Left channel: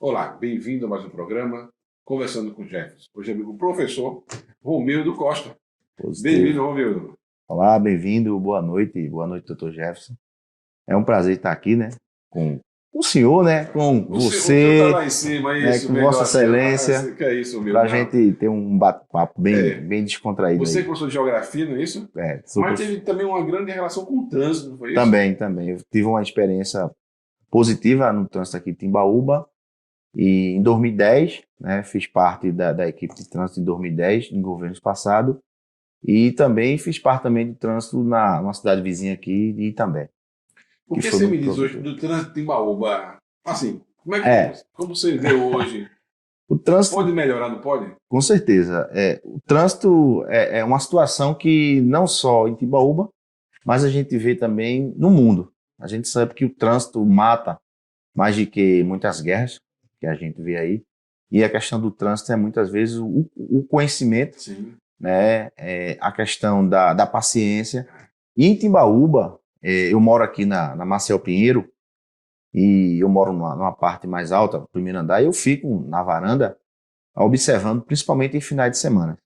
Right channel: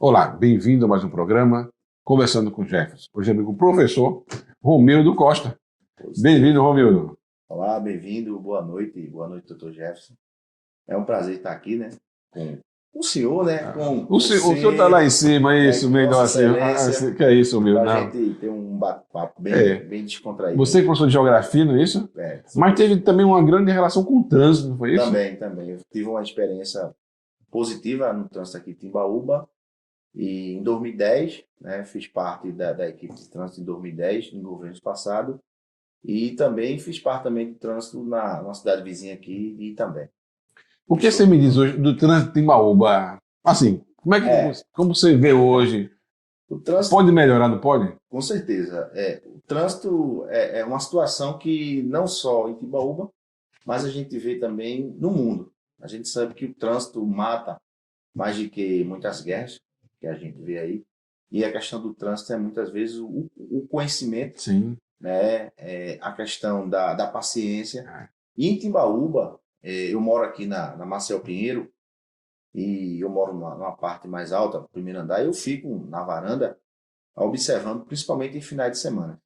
Olá, bem-vindo a mais um programa Conversando com Jefferson. Hoje é amigo professor Romildo Costa. Positivo. Bem-vindo, Romildo. Olá, bem-vindo, boa noite. Boa noite, doutor Jefferson. É um prazer estar aqui, né? Com o senhor, né? Com O senhor está lá você, em cima, é né? isso, Com melhor Vossa assim. Excelência, Que é isso, Romildo? para a Não. gente ter um bate-papo bem, É, bem descontraído você é aí. professor de geografia, não é isso? Sou Mas teve professor. também uma grande relação com o trânsito, não foi isso? Também. Eu tive uma experiência positiva no trânsito aqui de Timbaúba. E em 2010, né? Fiz parte da equipe de trânsito em 2010, em governos passados. E também fiz parte também de trânsito numa cidade vizinha aqui de Itambé, O que que foi você me muito diz hoje produtivo. do trânsito em Timbaúba? Assim, É, como você vê hoje? o trânsito, Pode melhorar, não pode? com certeza. O trânsito é uma situação que não só em Timbaúba, mas a gente vê também no mundo. A gente sabe que o trânsito mata mais do que muitas guerras que a gente vê aí. E a questão do trânsito é muitas vezes o conhecimento, Sim. né? A questão da paciência. E em Timbaúba, eu moro aqui na Marcel Pinheiro, e eu moro numa parte mais alta, no primeiro andar, e eu fico na varanda observando, principalmente em finais de semana,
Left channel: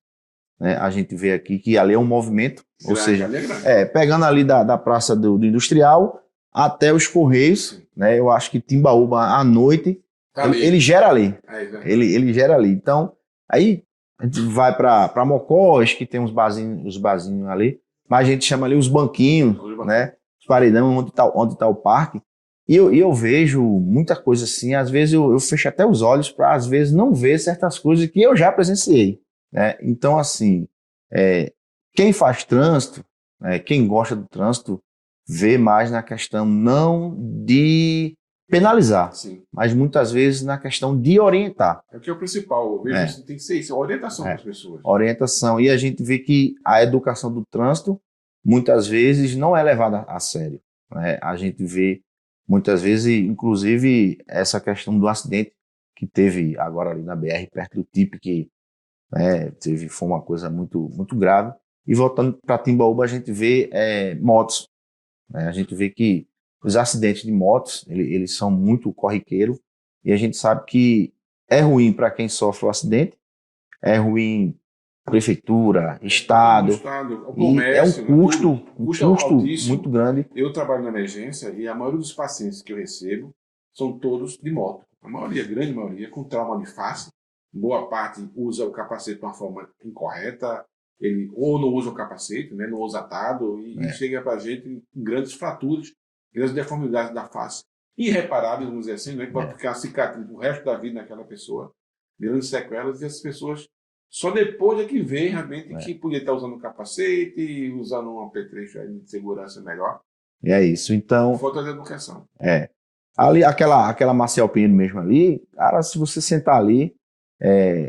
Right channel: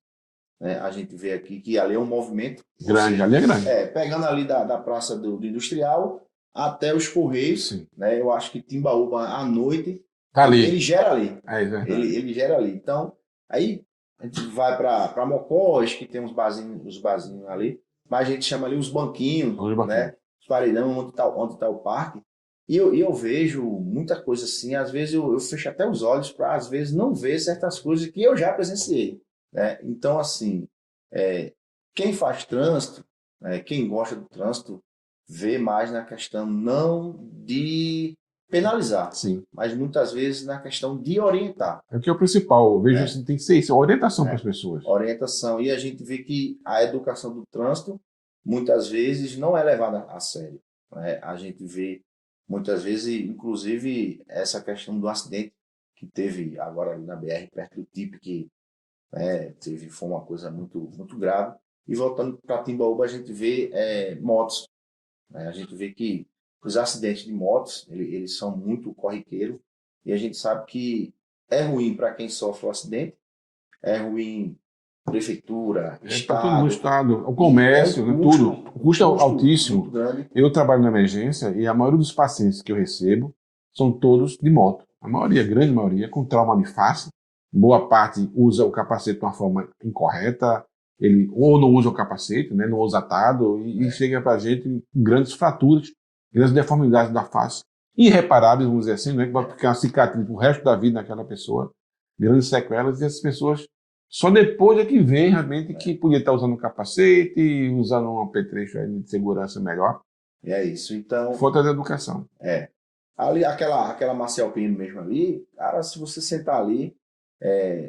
né? A gente vê aqui que ali é um movimento, ou Grande, seja, ali é grande. pegando ali da Praça do Industrial até os Correios, Sim. né? Eu acho que Timbaúba à noite, Tá ele ali. gera ali, É verdade. ele gera ali. Então, aí a gente vai para Mocós, que tem os barzinhos ali, mas a gente chama ali os banquinhos, Hoje bacana. né? Os paredão onde tá o parque. E eu vejo muita coisa assim, às vezes eu fecho até os olhos para, às vezes, não ver certas coisas que eu já presenciei, né? Então, assim, é, quem faz trânsito, né, quem gosta do trânsito, vê mais na questão não de penalizar, Sim. mas muitas vezes na questão de orientar, É o que é o principal. Eu vejo né? isso, tem que ser isso, a orientação para as É, pessoas. orientação. E a gente vê que a educação do trânsito muitas vezes não é levada a sério, né? A gente vê muitas vezes, inclusive, essa questão do acidente que teve agora ali na BR, perto do TIP, que, né, foi uma coisa muito, muito grave. E voltando para Timbaúba, a gente vê motos, né? A gente vê que os acidentes de motos, eles são muito corriqueiros, e a gente sabe que é ruim para quem sofre o acidente, é ruim prefeitura, É para todo mundo, estado, estado, o e é comércio, né, tudo. O um custo é custo muito altíssimo. grande. Eu trabalho na emergência e a maioria dos pacientes que eu recebo são todos de moto. A maioria, a grande maioria, com trauma de face. Boa parte usa o capacete de uma forma incorreta, ele ou não usa o capacete, né, não usa atado, e É, chega para a gente com grandes fraturas, grandes deformidades da face. Irreparáveis, vamos dizer assim, né, que vai é, ficar uma cicatriz pro resto da vida naquela pessoa, grandes sequelas, e essas pessoas só depois é que vem realmente que é. podia estar usando um capacete, usando um apetrecho aí de segurança melhor. E é isso. Então, Falta de educação. é. Ali, aquela Marcel Pinheiro mesmo ali, cara, se você sentar ali,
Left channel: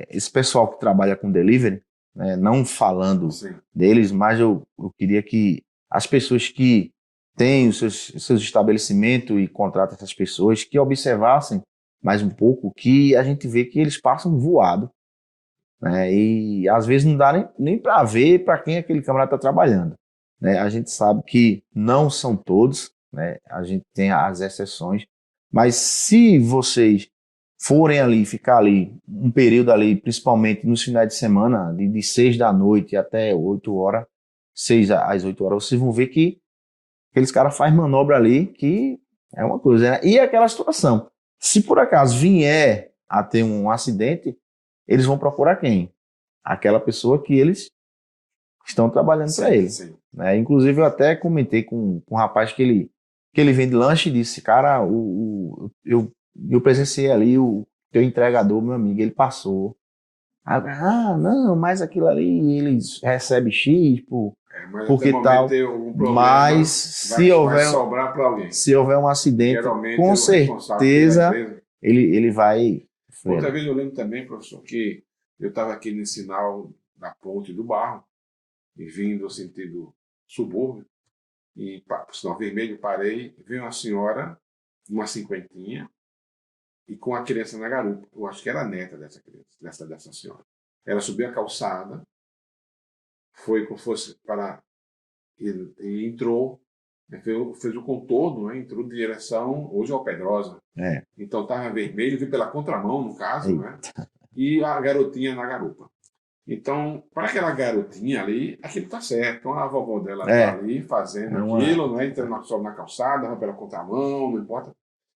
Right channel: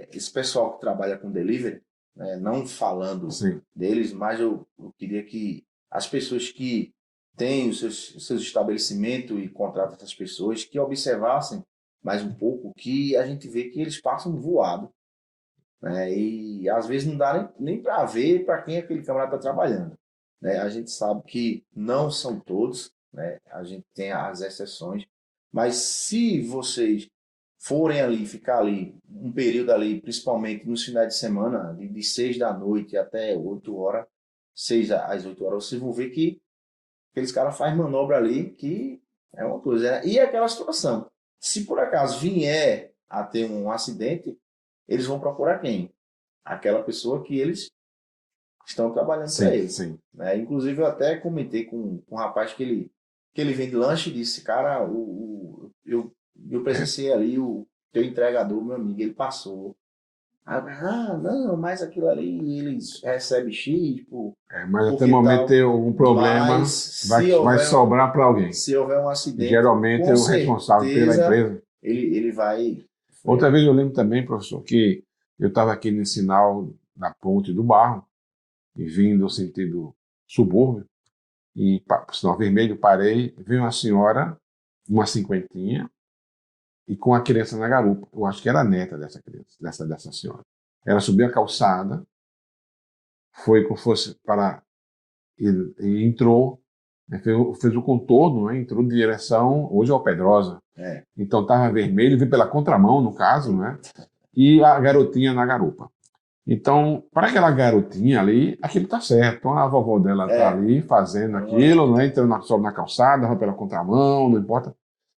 esse pessoal que trabalha com delivery, né, não falando Sim. deles, mas eu queria que as pessoas que têm os seus estabelecimentos e contratam essas pessoas, que observassem mais um pouco, que a gente vê que eles passam voado, né? E às vezes não dá nem para ver para quem aquele camarada está trabalhando, né? A gente sabe que não são todos, né? A gente tem as exceções, mas se vocês forem ali, ficar ali um período ali, principalmente nos finais de semana, de 6 da noite até 8 horas, 6 às 8 horas, vocês vão ver que aqueles caras fazem manobra ali que é uma coisa, né? E é aquela situação. Se por acaso vier a ter um acidente, eles vão procurar quem? Aquela pessoa que eles estão trabalhando para Sim, ele, sim. né? Inclusive, eu até comentei com um rapaz que ele vende lanche e disse, cara, eu presenciei ali o teu entregador, meu amigo, ele passou. Não, mas aquilo ali eles recebem X Mas até o porque momento tal. tem algum Mas problema, vai, se vai houver, sobrar para alguém. se houver um acidente, Geralmente com é o responsável pela certeza empresa. ele vai. Outra vez eu lembro também, professor, que eu estava aqui no sinal na Ponte do Barro, e vindo no sentido subúrbio, e por sinal vermelho, parei, veio uma senhora, uma cinquentinha, e com a criança na garupa. Eu acho que era a neta dessa criança, dessa senhora. Ela subiu a calçada, foi como fosse para. E entrou. né, fez o contorno, né, entrou de direção, hoje é Pedrosa. Então estava vermelho, veio pela contramão, no caso, né? E a garotinha na garupa. Então, para aquela garotinha ali, aquilo tá certo. Então, a vovó dela tá ali fazendo aquilo, não é? Entrando só na calçada, vai pela contramão, não importa.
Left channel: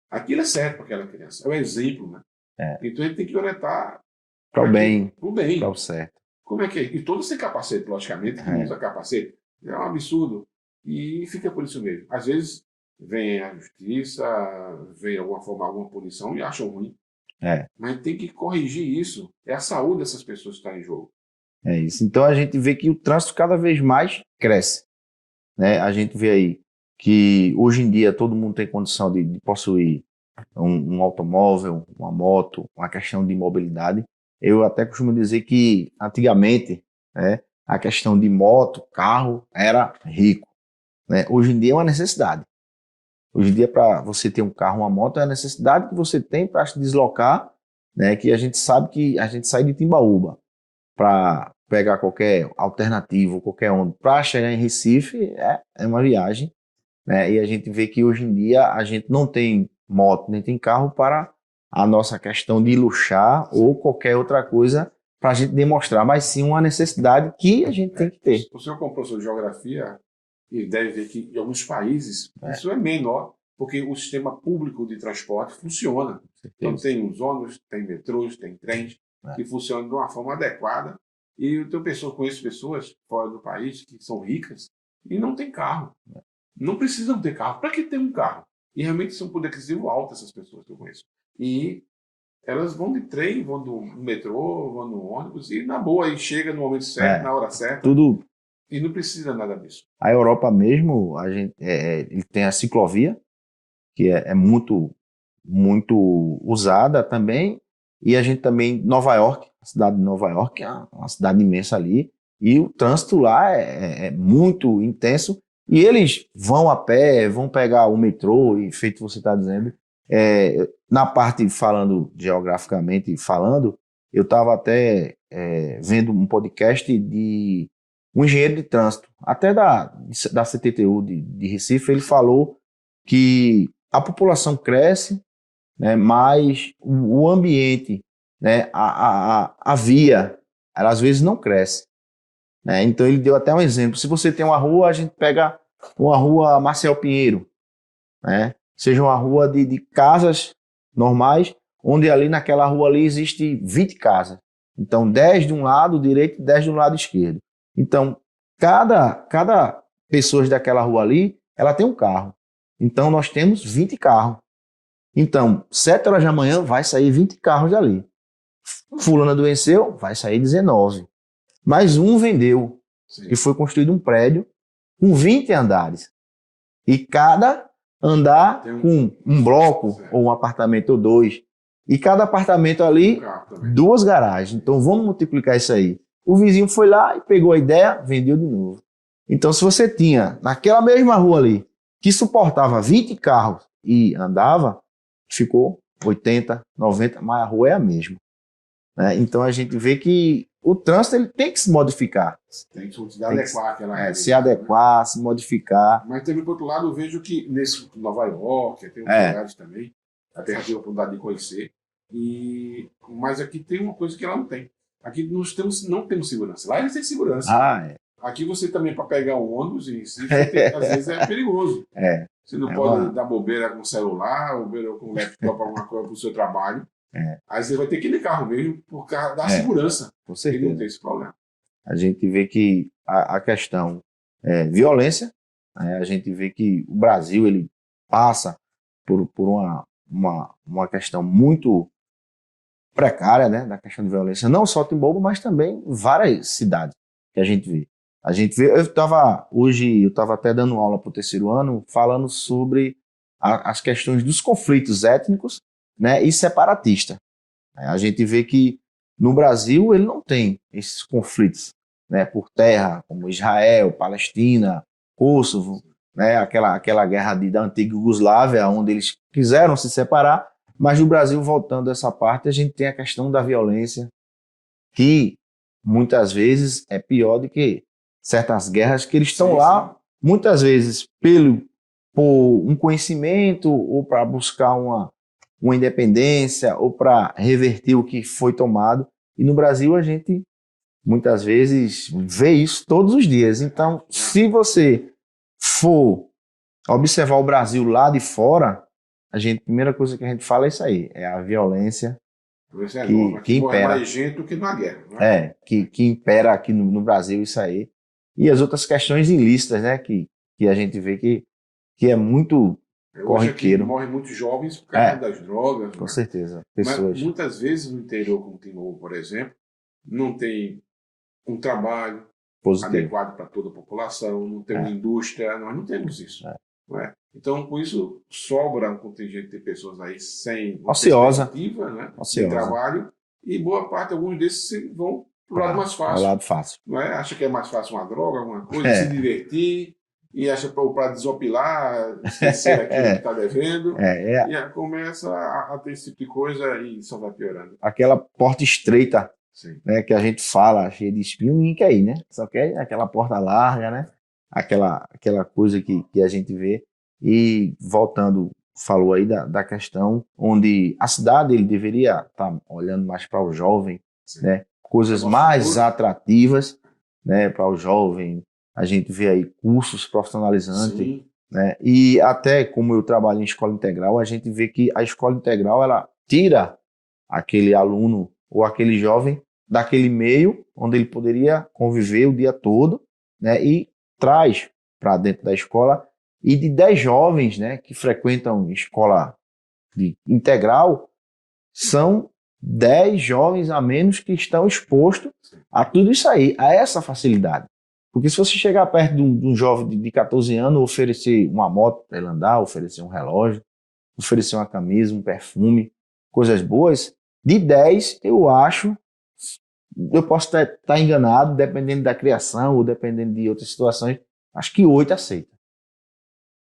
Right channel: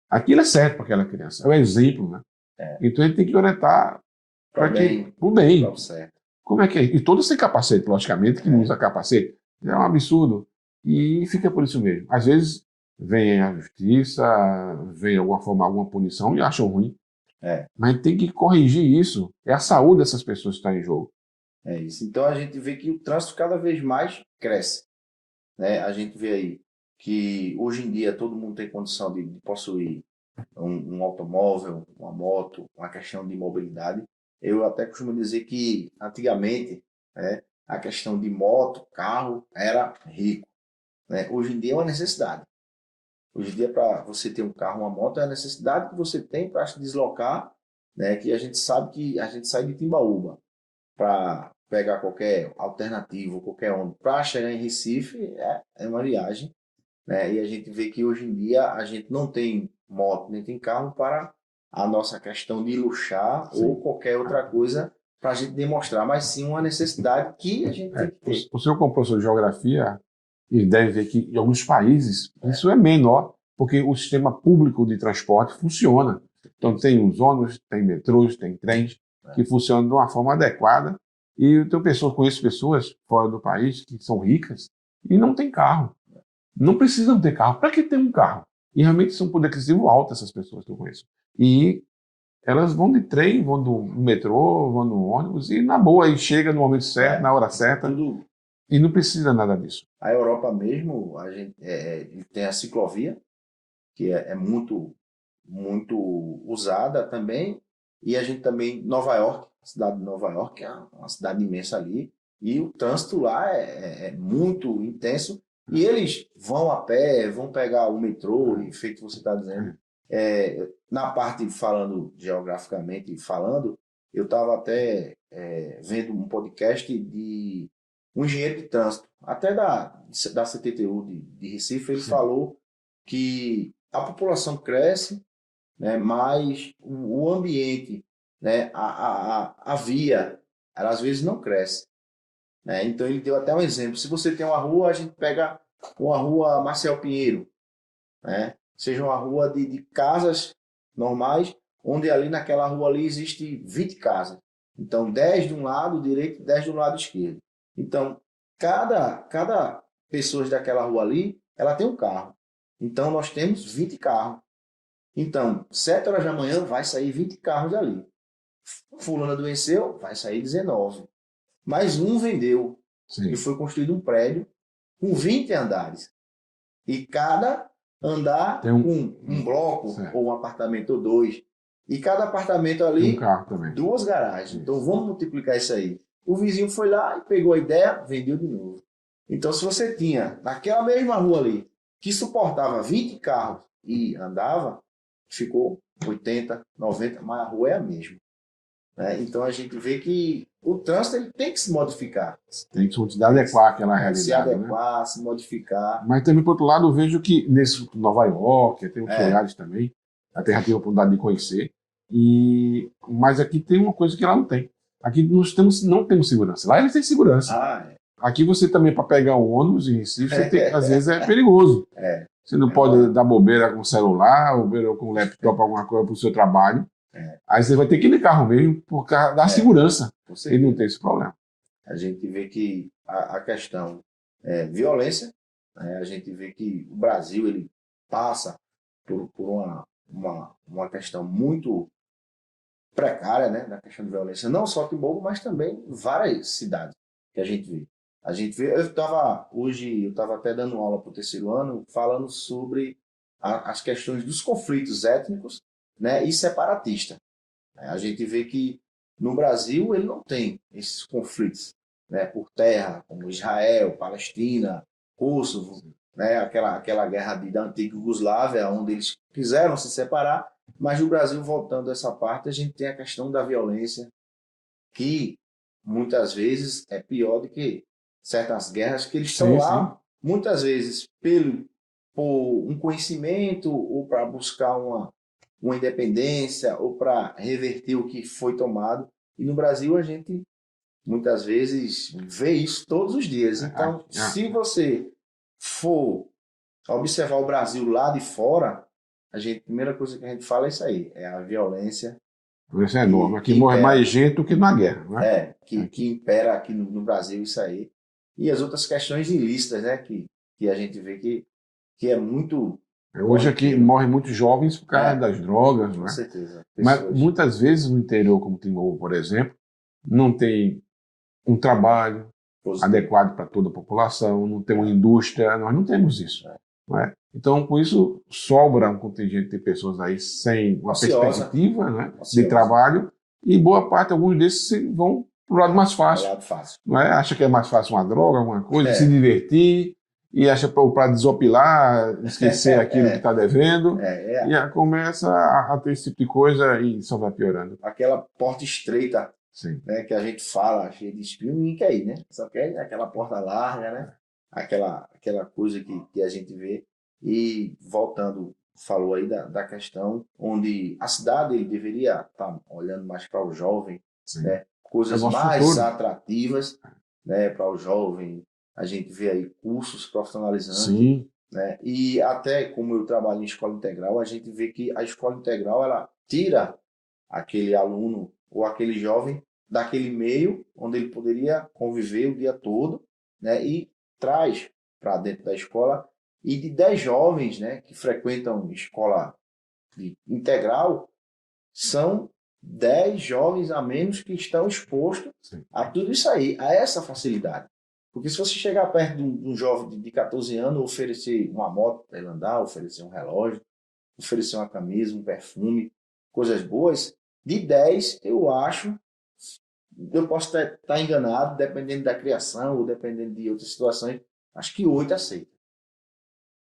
Aquilo é certo para aquela criança. É um exemplo, né? Então, a gente tem que orientar para o bem. Para o certo. Como é que é? E todos sem capacete, logicamente, que não usa capacete. É um absurdo. E fica por isso mesmo. Às vezes, vem a justiça, vem de alguma forma alguma punição e acham ruim. Mas tem que corrigir isso. É a saúde dessas pessoas que está em jogo. É isso. Então a gente vê que o trânsito cada vez mais cresce, né? A gente vê aí que hoje em dia todo mundo tem condição de possuir um automóvel, uma moto, uma questão de mobilidade. Eu até costumo dizer que antigamente, né, a questão de moto, carro era rico, né? Hoje em dia é uma necessidade. Hoje em dia, para você ter um carro, uma moto, é a necessidade que você tem para se deslocar, né? Que a gente sabe que a gente sai de Timbaúba para pegar qualquer alternativo, qualquer onda, para chegar em Recife, é uma viagem, né? E a gente vê que hoje em dia a gente não tem moto, nem tem carro para a nossa questão de luxar ou qualquer outra coisa para a gente demonstrar, mas sim uma necessidade que a gente tem que ter. O senhor, como professor de geografia, ele deve ver que em alguns países isso é menor, porque o sistema público de transporte funciona. Então, tem os ônibus, tem metrôs, tem trens que funcionam de uma forma adequada. E eu tenho pessoas, conheço pessoas fora do país que são ricas e não têm carro. Não precisam ter carro. Para que ter um carro? E realmente são um poder aquisitivo alto essas pessoas que eu conheço. E elas vão de trem, vão do metrô, vão no ônibus e na boa aí chega no momento certo, na hora certa. Tudo. E não precisa nada disso. A Europa mesmo, a gente, ele tem a ciclovia, que é muito, muito usada também. E a gente também, Nova York, a cidade de Nova York é uma cidade imensa ali. E o trânsito lá é muito intenso. E eles vão a pé, vão pegar o metrô, e feito você está dizendo. Na parte falando geograficamente falando, eu estava até vendo um podcast de um engenheiro de trânsito, até da CTTU de Recife. Ele falou que a população cresce, né, mas o ambiente, né, a via, ela às vezes não cresce. Né? Então ele deu até um exemplo. Se você tem uma rua, a gente pega uma rua Marcel Pinheiro, né? Seja uma rua de casas normais, onde ali naquela rua ali existe 20 casas. Então 10 de um lado direito e 10 do lado esquerdo. Então cada pessoa daquela rua ali, ela tem um carro. Então nós temos 20 carros. Então 7 horas da manhã vai sair 20 carros dali. Fulano adoeceu, vai sair 19. Mais um vendeu. Sim. E foi construído um prédio com 20 andares. E cada andar tem um bloco, certo, ou um apartamento ou dois. E cada apartamento ali, duas garagens. Então vamos multiplicar isso aí. O vizinho foi lá e pegou a ideia, vendeu de novo. Então se você tinha naquela mesma rua ali, que suportava 20 carros e andava, ficou 80, 90, mas a rua é a mesma. Né? Então a gente vê que o trânsito ele tem que se modificar. Tem que se adequar àquela realidade. Se adequar, né? Se modificar. Mas também, por outro lado, eu vejo que nesse Nova York, tem outros lugares também, a Terra tem a oportunidade de conhecer, mas aqui tem uma coisa que lá não tem. Aqui nós não temos segurança. Lá eles têm segurança. Aqui você também, para pegar o ônibus em Recife, às vezes é perigoso. Você não pode dar bobeira com o celular, bobeira com o laptop, alguma coisa para o seu trabalho. Aí você vai ter que ir de carro mesmo por causa da segurança. Ele não tem esse problema. A gente vê que a questão violência, né? A gente vê que o Brasil ele passa por uma questão muito precária, né, da questão de violência, não só Timbaúba, mas também várias cidades que a gente vê. Eu estava até dando aula para o terceiro ano, falando sobre as questões dos conflitos étnicos, né, e separatistas. A gente vê que no Brasil ele não tem esses conflitos, né, por terra, como Israel, Palestina, Kosovo, né, aquela guerra da antiga Iugoslávia, onde eles quiseram se separar, mas no Brasil, voltando a essa parte, a gente tem a questão da violência, que muitas vezes é pior do que certas guerras que eles estão lá, muitas vezes por um conhecimento ou para buscar uma independência ou para reverter o que foi tomado. E no Brasil a gente muitas vezes vê isso todos os dias. Então, se você for observar o Brasil lá de fora, a primeira coisa que a gente fala é isso aí, é a violência Isso é novo. Aqui morre impera. mais gente do que na guerra, né? Que impera aqui no Brasil isso aí. E as outras questões ilícitas, né? Que a gente vê que é muito Hoje aqui corriqueiro. morrem muitos jovens por causa das drogas, Com né? certeza. Mas Pessoas. muitas vezes no interior, como Timor, por exemplo, não tem um trabalho Positivo. adequado para toda a população, não tem uma indústria, nós não temos isso. Não é? Então, com isso, sobra um contingente de pessoas aí sem uma perspectiva, né, de trabalho, e boa parte, alguns desses vão para o lado mais fácil. Lado fácil. Não é? Acha que é mais fácil uma droga, alguma coisa, se divertir, e acha para desopilar, esquecer aquilo que está devendo, e começa a ter esse tipo de coisa e só vai piorando. Aquela porta estreita, sim, né, que a gente fala, cheia de espinho, ninguém quer ir, né? Só quer aquela porta larga, né? Aquela coisa que a gente vê. E voltando, falou aí da questão onde a cidade ele deveria estar olhando mais para o jovem, né? Coisas mais atrativas, né, para o jovem. A gente vê aí cursos profissionalizantes, sim, né? E até como eu trabalho em escola integral, a gente vê que a escola integral ela tira aquele aluno ou aquele jovem daquele meio onde ele poderia conviver o dia todo, né? E traz para dentro da escola. E de 10 jovens, né, que frequentam escola integral, são 10 jovens a menos que estão expostos a tudo isso aí, a essa facilidade. Porque se você chegar perto de um jovem de 14 anos, oferecer uma moto para ele andar, oferecer um relógio, oferecer uma camisa, um perfume, coisas boas, de 10, eu acho, eu posso estar enganado, dependendo da criação ou dependendo de outras situações, acho que 8 aceita.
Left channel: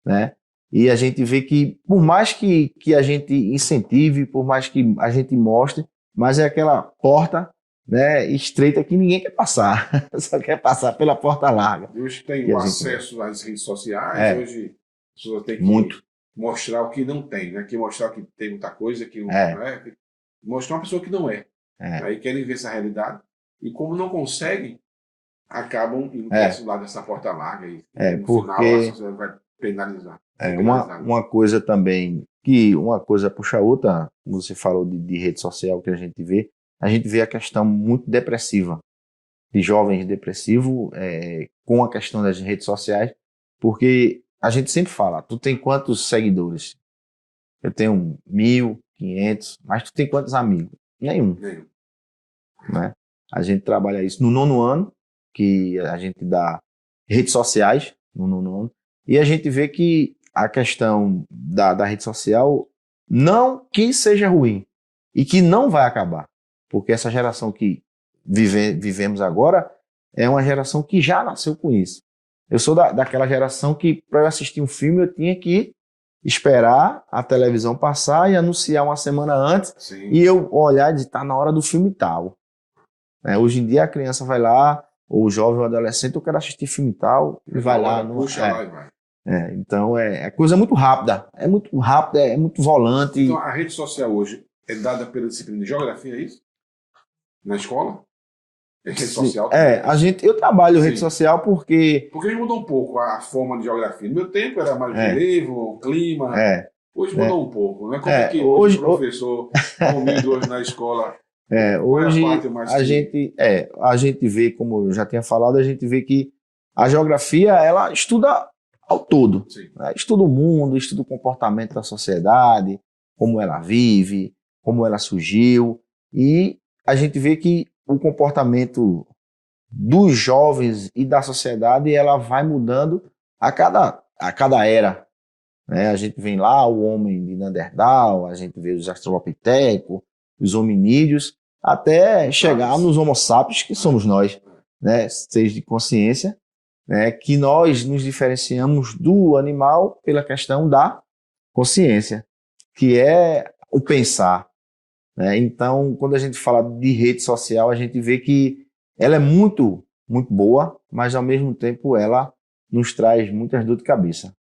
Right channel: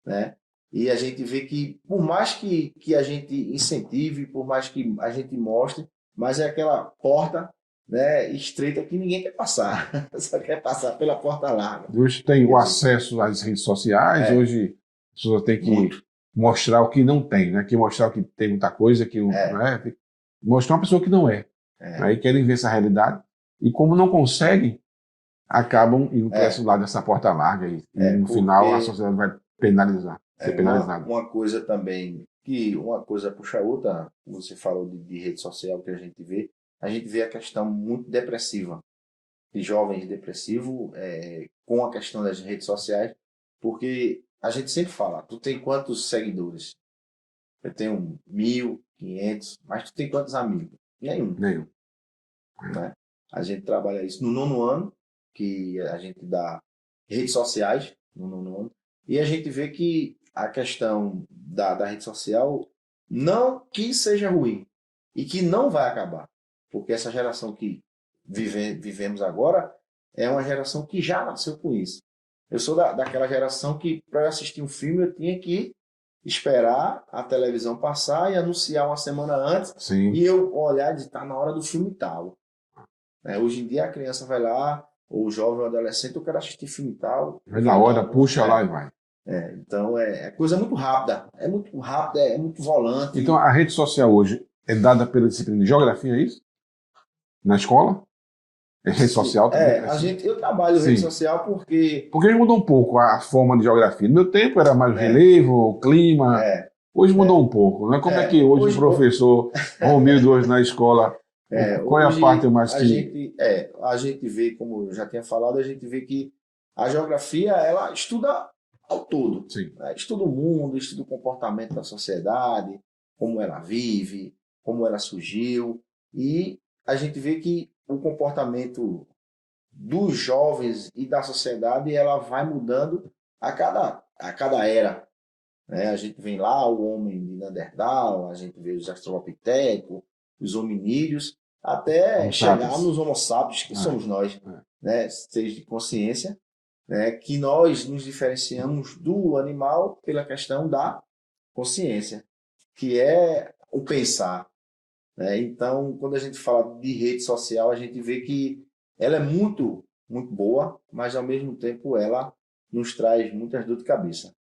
Né? E a gente vê que, por mais que a gente incentive, por mais que a gente mostre, mas é aquela porta, né, estreita que ninguém quer passar, só quer passar pela porta larga. Hoje tem o acesso às redes sociais, hoje a pessoa tem que mostrar o que não tem, né? Que mostrar que tem muita coisa, que não é, mostrar uma pessoa que não é. Aí querem ver essa realidade e como não conseguem, acabam indo para esse lado dessa porta larga e no final a sociedade vai penalizar. Uma coisa também, uma coisa puxa a outra, você falou de rede social que a gente vê a questão muito depressiva, de jovens depressivos com a questão das redes sociais, porque a gente sempre fala, tu tem quantos seguidores? Eu tenho 1.500, mas tu tem quantos amigos? Nenhum. Né? A gente trabalha isso no 9º ano, que a gente dá redes sociais no 9º ano, e a gente vê que a questão da rede social não que seja ruim e que não vai acabar, porque essa geração que vivemos agora é uma geração que já nasceu com isso. Eu sou daquela geração que para eu assistir um filme eu tinha que esperar a televisão passar e anunciar uma semana antes. Sim. E eu olhar e dizer, tá na hora do filme tal. Hoje em dia a criança vai lá, ou o jovem ou adolescente, eu quero assistir filme tal. Vai lá, puxa lá e vai. Então é coisa muito rápida, é muito volante. Então a rede social hoje é dada pela disciplina de geografia, é isso? Na escola? É rede social também? Eu trabalho rede social porque mudou um pouco a forma de geografia. No meu tempo era mais relevo, clima. Hoje mudou um pouco, né? Como é que hoje o professor Romildo hoje na escola... Qual é a parte mais a gente vê, como eu já tinha falado, a gente vê que a geografia ela estuda ao todo. Né? Estuda o mundo, estuda o comportamento da sociedade, como ela vive, como ela surgiu. E a gente vê que o comportamento dos jovens e da sociedade ela vai mudando a cada era. Né? A gente vê lá o homem de Neandertal, a gente vê os australopitecos, os hominídeos, até chegar nos homo sapiens, que somos nós, né? Seres de consciência, né? Que nós nos diferenciamos do animal pela questão da consciência, que é o pensar. Né? Então, quando a gente fala de rede social, a gente vê que ela é muito, muito boa, mas ao mesmo tempo ela nos traz muitas dor de cabeça.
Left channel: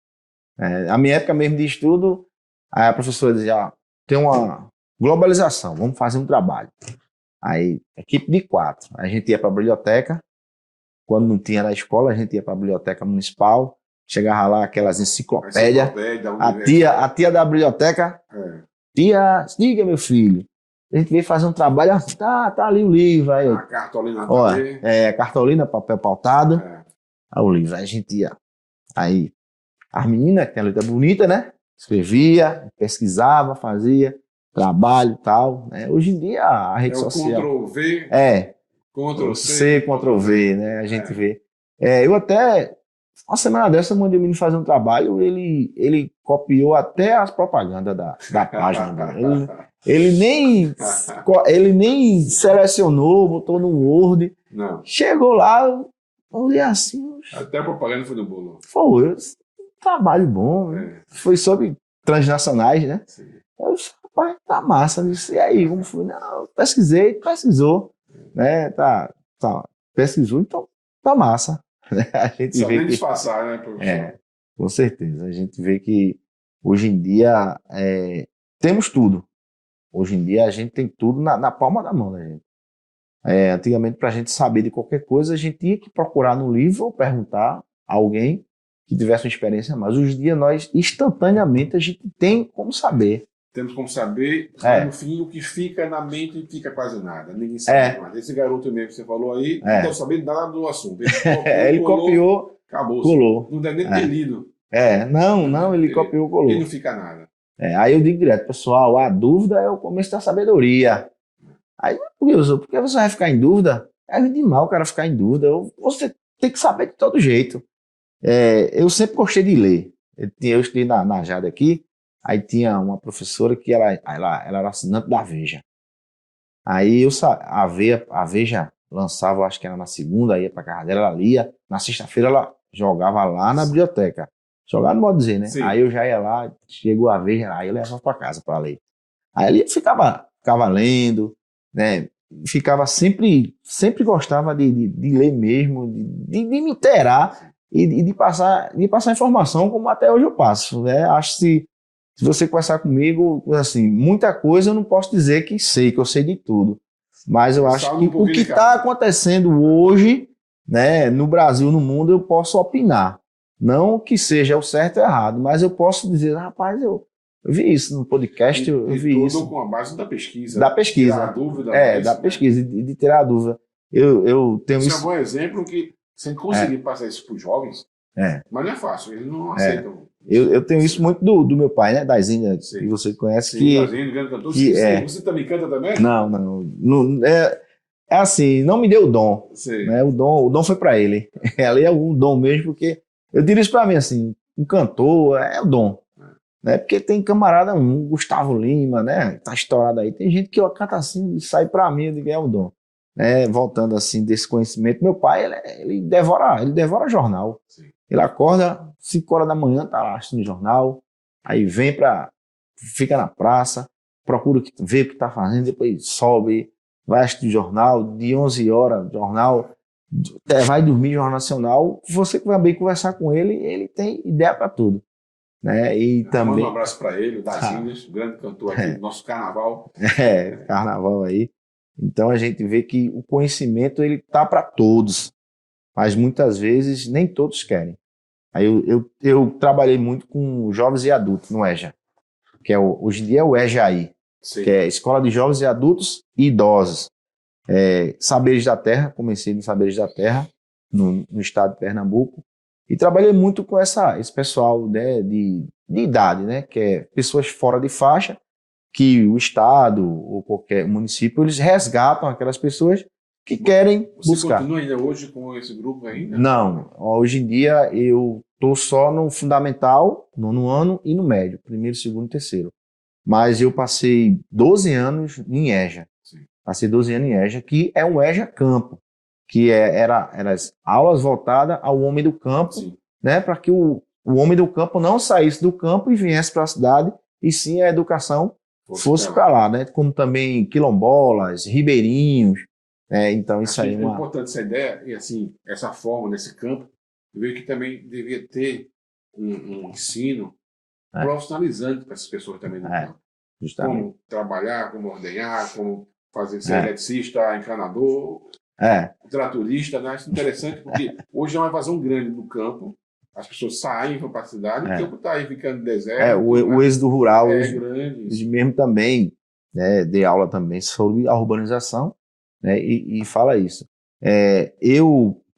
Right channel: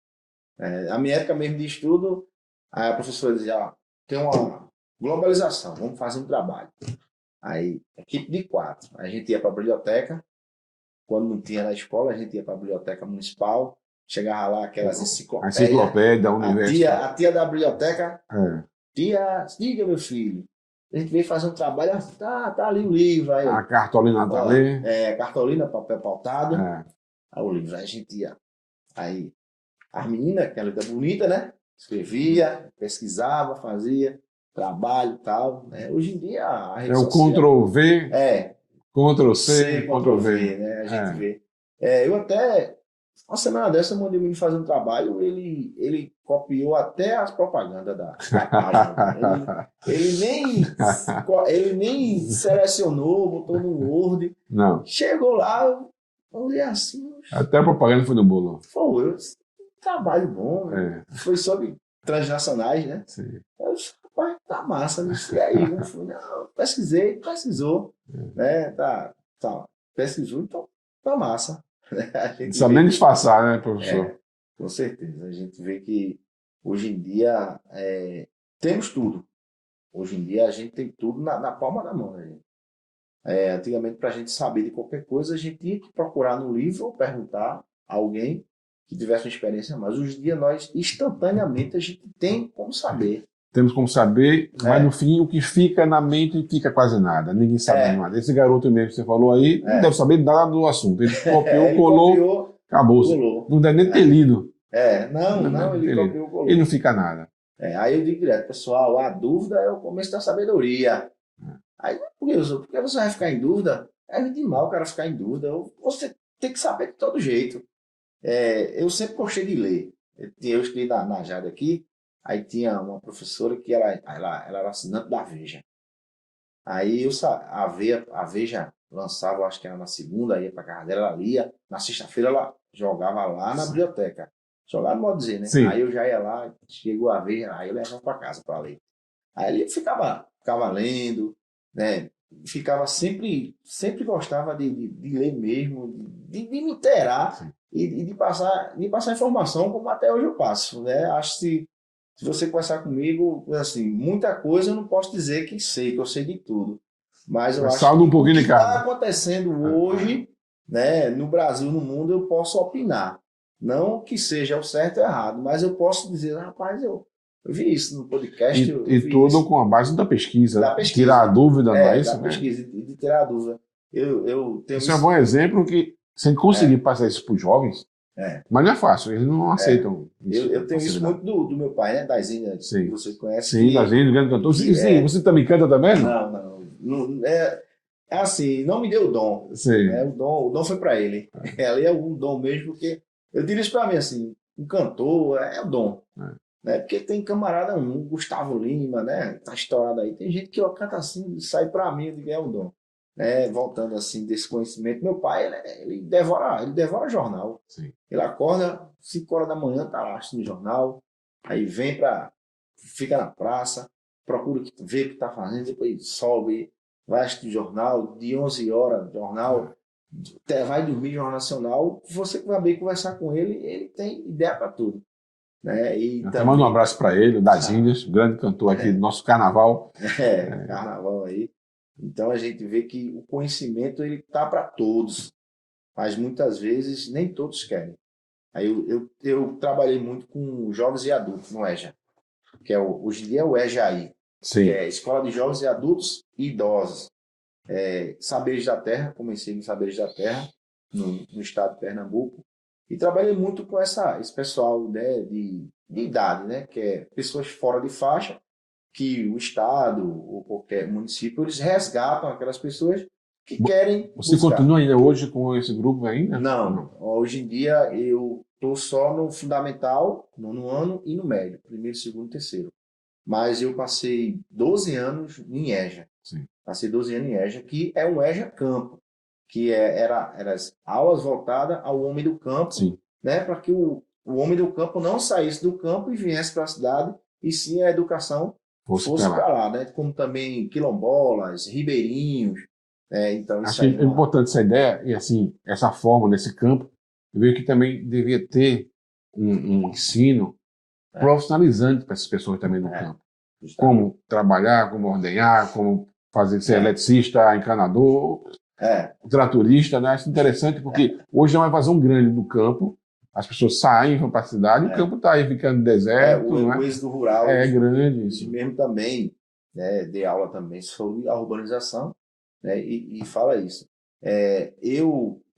A minha época mesmo de estudo, aí a professora dizia, ó, tem uma globalização, vamos fazer um trabalho. Aí, equipe de 4. A gente ia para a biblioteca, quando não tinha na escola, a gente ia para a biblioteca municipal, chegava lá aquelas enciclopédias. A tia da biblioteca, tia, diga meu filho, a gente veio fazer um trabalho, tá ali o livro. Aí, a cartolina tá ali. A cartolina, papel pautado. Aí o livro, aí a gente ia. Aí, as meninas, que tem a letra bonita, né? Escrevia, pesquisava, fazia trabalho e tal. Né? Hoje em dia, a rede social... É o Ctrl-V, Ctrl-C, Ctrl-V, né? A gente vê. Eu até... Uma semana dessa, eu mandei o menino fazer um trabalho, ele copiou até as propagandas da página. Ele nem selecionou, botou no Word. Não. Chegou lá, eu olhei assim... Até a propaganda foi no bolo. Foi, trabalho bom. Foi sobre transnacionais, né? Sim. Eu disse, rapaz, tá massa. Disse, e aí, como foi? Não, pesquisou. Né? Pesquisou, então tá massa. A gente sabe nem disfarçar, né, professor? Com certeza. A gente vê que hoje em dia temos tudo. Hoje em dia a gente tem tudo na palma da mão da gente. Antigamente, para a gente saber de qualquer coisa, a gente tinha que procurar no livro ou perguntar a alguém que tivesse uma experiência a mais. Hoje em dia, nós, instantaneamente, a gente tem como saber. Temos como saber, mas no fim, o que fica na mente fica quase nada. Ninguém sabe nada. Esse garoto mesmo que você falou aí, não deve saber nada do assunto. Ele copiou, acabou. Colou. Não deve nem ter lido. Não, ele copiou, colou. E não fica nada. Aí eu digo direto, pessoal, a dúvida é o começo da sabedoria. Aí, Wilson, por que você vai ficar em dúvida? É de mal o cara ficar em dúvida. Você tem que saber de todo jeito. Eu sempre gostei de ler. Eu estudei na Jade aqui, aí tinha uma professora que ela era assinante da Veja. Aí a Veja lançava, acho que era na segunda, ia pra casa dela, ela lia. Na sexta-feira ela jogava lá na biblioteca. Jogar não pode dizer, né? Sim. Aí eu já ia lá, chegou a Veja, aí eu levava pra casa para ler. Aí ele ficava lendo, né? Ficava sempre gostava de ler mesmo, de me inteirar e de passar informação, como até hoje eu passo, né? Acho que se você conversar comigo, assim, muita coisa eu não posso dizer que eu sei de tudo, mas eu acho que o que está acontecendo hoje, né, no Brasil, no mundo, eu posso opinar. Não que seja o certo ou errado, mas eu posso dizer, rapaz, eu vi isso no podcast. Eu vi tudo isso. com a base da pesquisa. Da pesquisa. Tirar a dúvida, não é isso? Da pesquisa, de tirar a dúvida. Eu tenho isso. Isso é um bom exemplo que, sem conseguir passar isso para os jovens, mas não é fácil, eles não aceitam. Eu tenho isso muito do meu pai, né? Das Índias, que você conhece. Sim, das Índias, grande cantor. Você também canta também? Não. É assim, não me deu o dom. Né? O dom foi para ele. Ali é o dom mesmo, porque eu diria isso para mim assim, um cantor é o dom. Né? Porque tem camarada, Gustavo Lima, né? Tá estourado aí. Tem gente que canta assim e sai para mim, eu digo, é o dom. Né? Voltando assim desse conhecimento, meu pai, ele devora jornal. Sim. Ele acorda 5 horas da manhã, tá lá assistindo jornal, aí fica na praça, procura ver o que tá fazendo, depois sobe, vai assistir jornal, de 11 horas, jornal, vai dormir, Jornal Nacional. Você que vai bem conversar com ele, ele tem ideia para tudo. Né? E também... Manda um abraço para ele, das Índias, grande cantor aqui do nosso carnaval. Carnaval aí. Então a gente vê que o conhecimento ele tá para todos, mas muitas vezes nem todos querem. Aí eu trabalhei muito com jovens e adultos no EJA, que hoje em dia é o EJAI, que é Escola de Jovens e Adultos e Idosos. Saberes da Terra, comecei no Saberes da Terra, no estado de Pernambuco, e trabalhei muito com esse pessoal, né, de idade, né, que é pessoas fora de faixa, que o estado ou qualquer município, eles resgatam aquelas pessoas que querem Você buscar. Continua ainda hoje com esse grupo ainda? Não. Hoje em dia eu estou só no fundamental, nono ano, e no médio, primeiro, segundo e terceiro. Mas eu passei 12 anos em EJA. Sim. Passei 12 anos em EJA, que é um EJA campo, que era as aulas voltadas ao homem do campo, né, para que o homem do campo não saísse do campo e viesse para a cidade, e sim a educação fosse para lá, né? Como também quilombolas, ribeirinhos. Então isso aí é importante essa ideia e assim essa forma nesse campo. Eu vejo que também devia ter um ensino profissionalizante para essas pessoas também no campo. Justamente. Como trabalhar, como ordenhar, como ser eletricista, encanador, tratorista, né? Acho interessante porque hoje é uma evasão grande do campo. As pessoas saem, vão para a cidade, o campo está aí ficando deserto. O êxodo rural é grande. Mesmo também, né, dei aula também sobre a urbanização, né, e fala isso.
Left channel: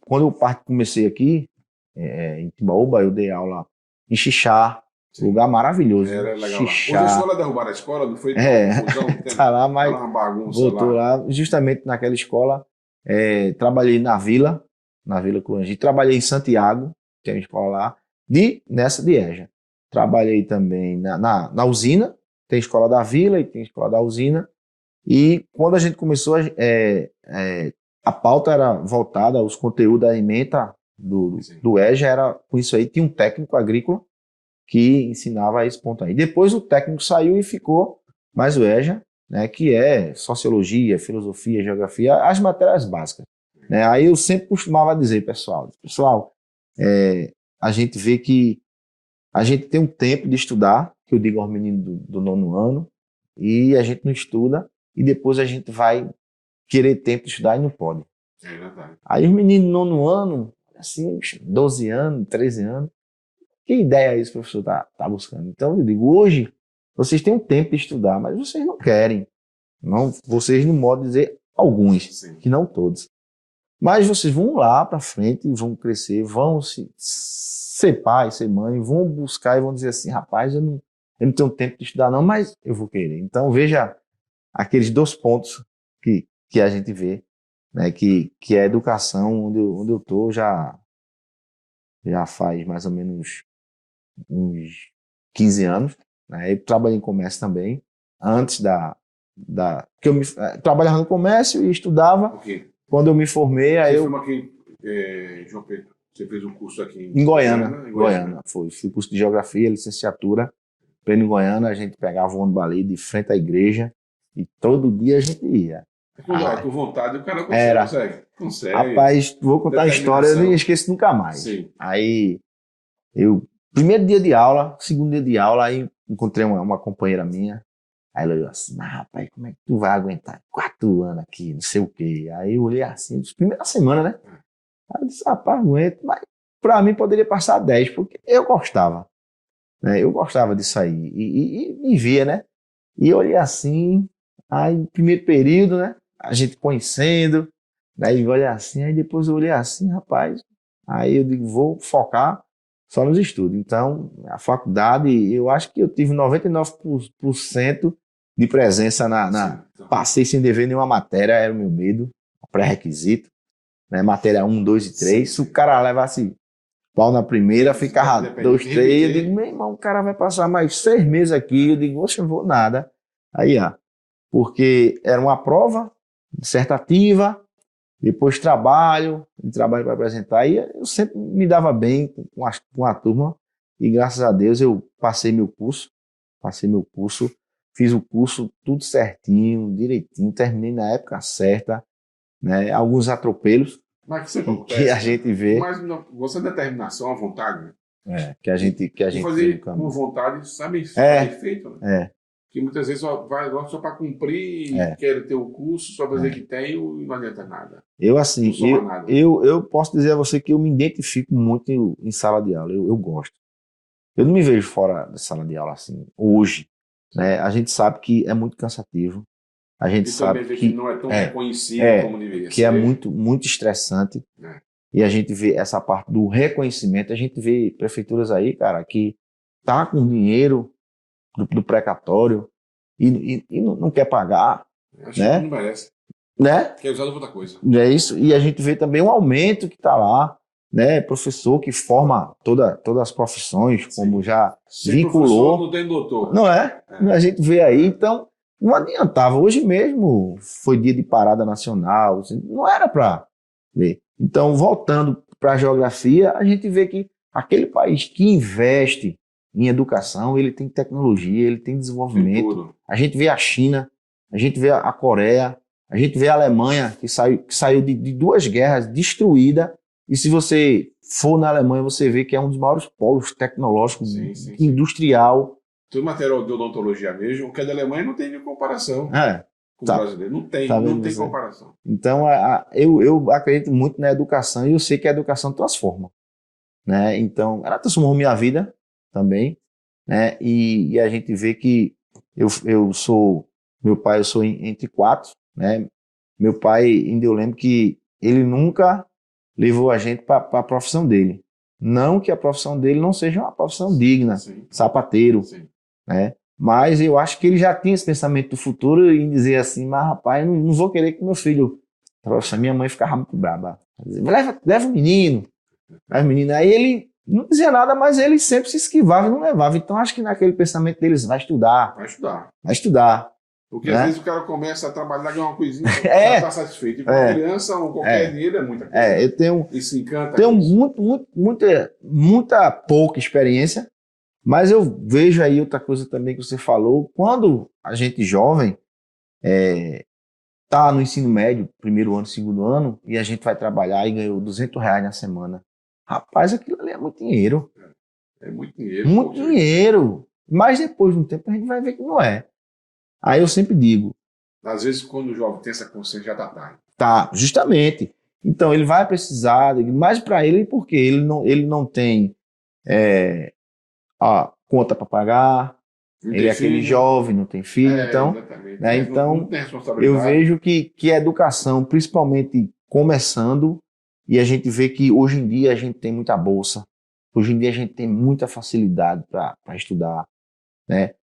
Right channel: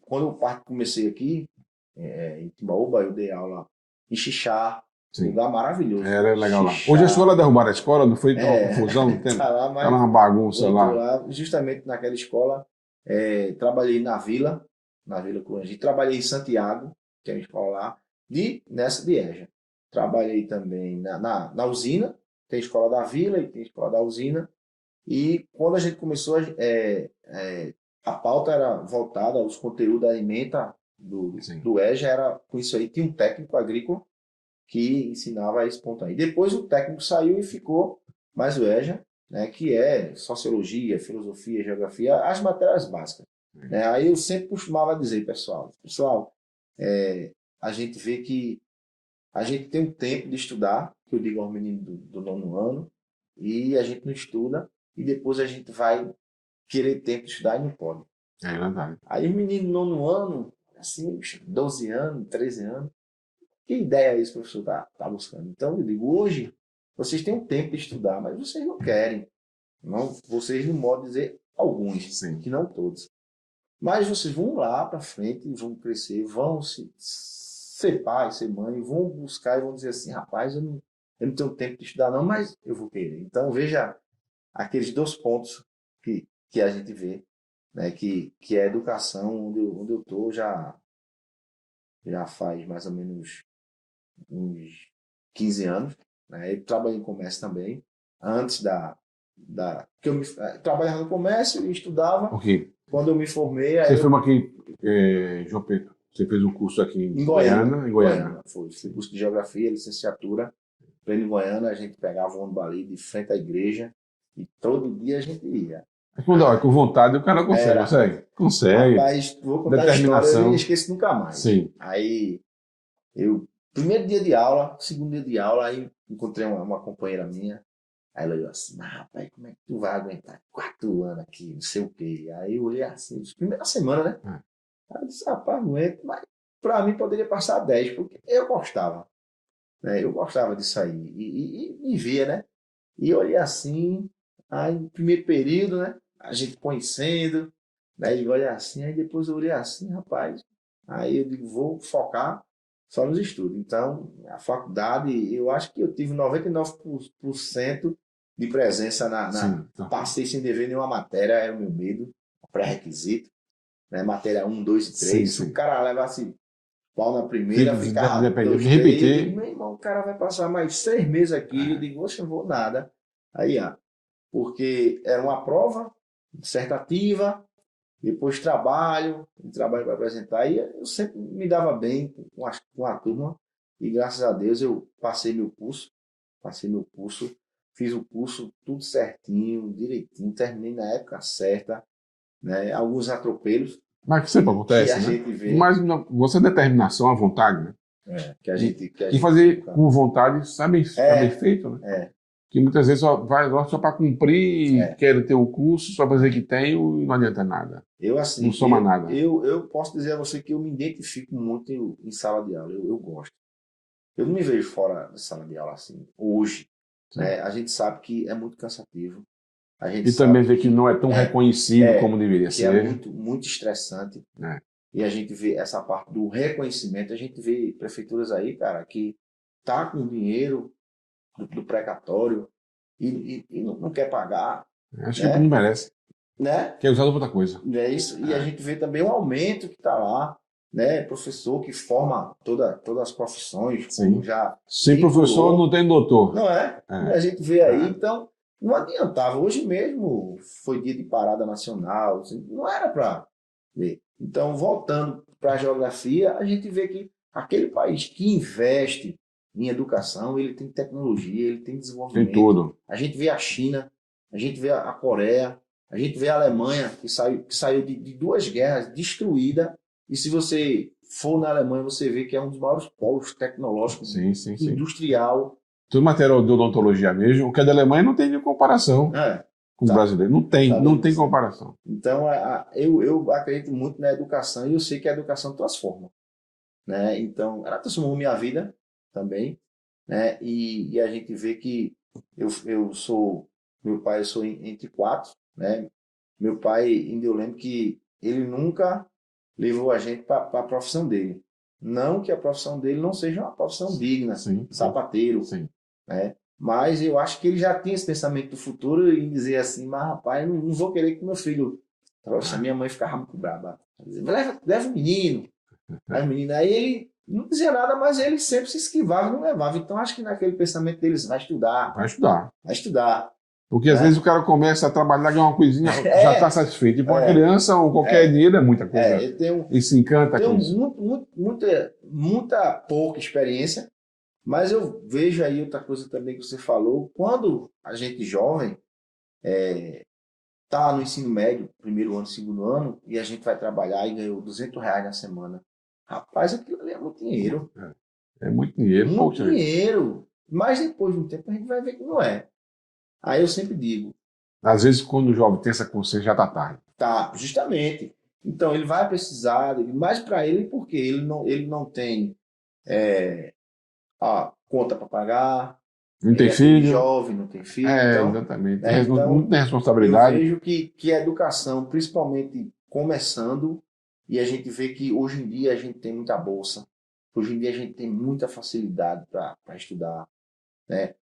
Quando eu comecei aqui, em Timbaúba, eu dei aula em Xixá, lugar maravilhoso. Era legal. Xixá. Hoje a escola derrubaram a escola, não foi confusão? Tá lá, mas uma bagunça lá. Justamente naquela escola, trabalhei na Vila Corangi, trabalhei em Santiago, tem uma escola lá, nessa de EJA. Trabalhei também na usina, tem escola da Vila e tem escola da usina. E quando a gente começou, a pauta era voltada aos conteúdos da alimenta do EJA, era com isso aí, tinha um técnico agrícola que ensinava esse ponto aí. Depois o técnico saiu e ficou mais o EJA, né, que é sociologia, filosofia, geografia, as matérias básicas. Né? Aí eu sempre costumava dizer, pessoal, a gente vê que a gente tem um tempo de estudar, que eu digo aos meninos do 9º ano, e a gente não estuda, e depois a gente vai querer tempo de estudar e não pode. É verdade. Aí os meninos do 9º ano, assim, 12 anos, 13 anos, que ideia é isso que o professor tá buscando? Então eu digo, hoje vocês têm um tempo de estudar, mas vocês não querem. Não, vocês não podem dizer alguns, que não todos. Mas vocês vão lá para frente, vão crescer, vão ser pai, ser mãe, vão buscar e vão dizer assim, rapaz, eu não tenho tempo de estudar não, mas eu vou querer. Então veja aqueles 2 pontos que a gente vê, né, que é a educação, onde eu estou já faz mais ou menos uns 15 anos. Né? Eu trabalhei em comércio também, antes que eu trabalhava no comércio e estudava. Okay. Quando eu me formei... Você foi aqui, João Pedro, você fez um curso aqui em Goiânia. Fiz curso de Geografia, licenciatura. Em Goiânia, a gente pegava o ônibus ali de frente à igreja e todo dia a gente ia. Com vontade o cara consegue. Rapaz, vou contar a história, eu não esqueço nunca mais. Sim. Aí, primeiro dia de aula, segundo dia de aula, aí encontrei uma companheira minha. Aí ela olhou assim, mas rapaz, como é que tu vai aguentar 4 anos aqui, não sei o quê. Aí eu olhei assim, primeira semana, né? Aí eu disse, rapaz, aguento, mas pra mim poderia passar 10, porque eu gostava. Né? Eu gostava disso aí. E via, né? E eu olhei assim, aí primeiro período, né? A gente conhecendo, aí eu olhei assim, aí depois eu olhei assim, rapaz. Aí eu digo, vou focar só nos estudos. Então, a faculdade, eu acho que eu tive 99% de presença Passei sem dever nenhuma matéria, era o meu medo, pré-requisito. Né? Matéria 1, 2 e 3. Se o cara levasse pau na primeira, ficava 2, 3. Eu digo, meu irmão, o cara vai passar mais 6 meses aqui. Eu digo, oxe, eu vou nada. Aí, porque era uma prova dissertativa, depois trabalho para apresentar, e eu sempre me dava bem com a turma, e graças a Deus eu passei meu curso, fiz o curso tudo certinho, direitinho, terminei na época certa, né? Alguns atropelos, mas que sempre acontece, que a gente vê. Mas você é determinação, a vontade, né? Que a gente fazer com vontade, sabe feito, né? Que muitas vezes vai só para cumprir, quer ter o curso, só para dizer que tem e não adianta nada. Eu, assim, não soma nada. Eu posso dizer a você que eu me identifico muito em sala de aula, eu gosto. Eu não me vejo fora da sala de aula assim, hoje. Né? A gente sabe que é muito cansativo. A gente e sabe também vê que não é tão reconhecido como deveria ser. Que é muito, muito estressante. E a gente vê essa parte do reconhecimento, a gente vê prefeituras aí, cara, que tá com dinheiro do precatório e não quer pagar. Acho que não merece. Né? Quer usar outra coisa. É isso. E a gente vê também um aumento que está lá, né? Professor que forma todas as profissões, como já sem professor não tem doutor. Não é? A gente vê aí, então não adiantava. Hoje mesmo foi dia de parada nacional, não era para ver. Então, voltando para a geografia, a gente vê que aquele país que investe em educação, ele tem tecnologia, ele tem desenvolvimento. Tem tudo. A gente vê a China, a gente vê a Coreia, a gente vê a Alemanha, que saiu de 2 guerras destruída E se você for na Alemanha, você vê que é um dos maiores polos tecnológicos, Sim. industrial. Todo material de odontologia mesmo, o que é da Alemanha não tem nem comparação com o Tá, brasileiro. Não tá vendo tem você? comparação. Então, eu acredito muito na educação e eu sei que a educação transforma, né? Então, ela transformou minha vida também, né? E a gente vê que eu sou, meu pai, eu sou entre quatro, né? Meu pai, ainda eu lembro que ele nunca levou a gente para a profissão dele. Não que a profissão dele não seja uma profissão digna, Sim. sapateiro, Sim. né? Mas eu acho que ele já tinha esse pensamento do futuro em dizer assim, mas rapaz, não vou querer que meu filho... Nossa, minha mãe ficava muito braba. Dizia, leva o menino. Leva o menino. Aí ele não dizia nada, mas ele sempre se esquivava e não levava. Então acho que naquele pensamento deles, vai estudar, Vai estudar. vai estudar. Porque às Né? vezes o cara começa a trabalhar, ganhar uma coisinha, já É, está satisfeito. E para uma criança, qualquer dinheiro é muita coisa. eu tenho E se encanta com isso. muita pouca experiência, mas eu vejo aí outra coisa também que você falou. Quando a gente jovem tá no ensino médio, primeiro ano, segundo ano, e a gente vai trabalhar e ganhou R$ 200 na semana. Rapaz, aquilo ali é muito dinheiro. É muito dinheiro. Muito Poxa, dinheiro. Mas depois de um tempo a gente vai ver que não é. Aí eu sempre digo, às vezes quando o jovem tem essa consciência, já está tarde. tá, justamente. Então ele vai precisar, mais para ele, porque ele não tem a conta para pagar, Não ele tem é aquele filho. jovem, não tem filho, então, Exatamente. né, Não tem então eu responsabilidade. vejo que a educação, principalmente começando, e a gente vê que hoje em dia a gente tem muita bolsa, hoje em dia a gente tem muita facilidade para estudar, né?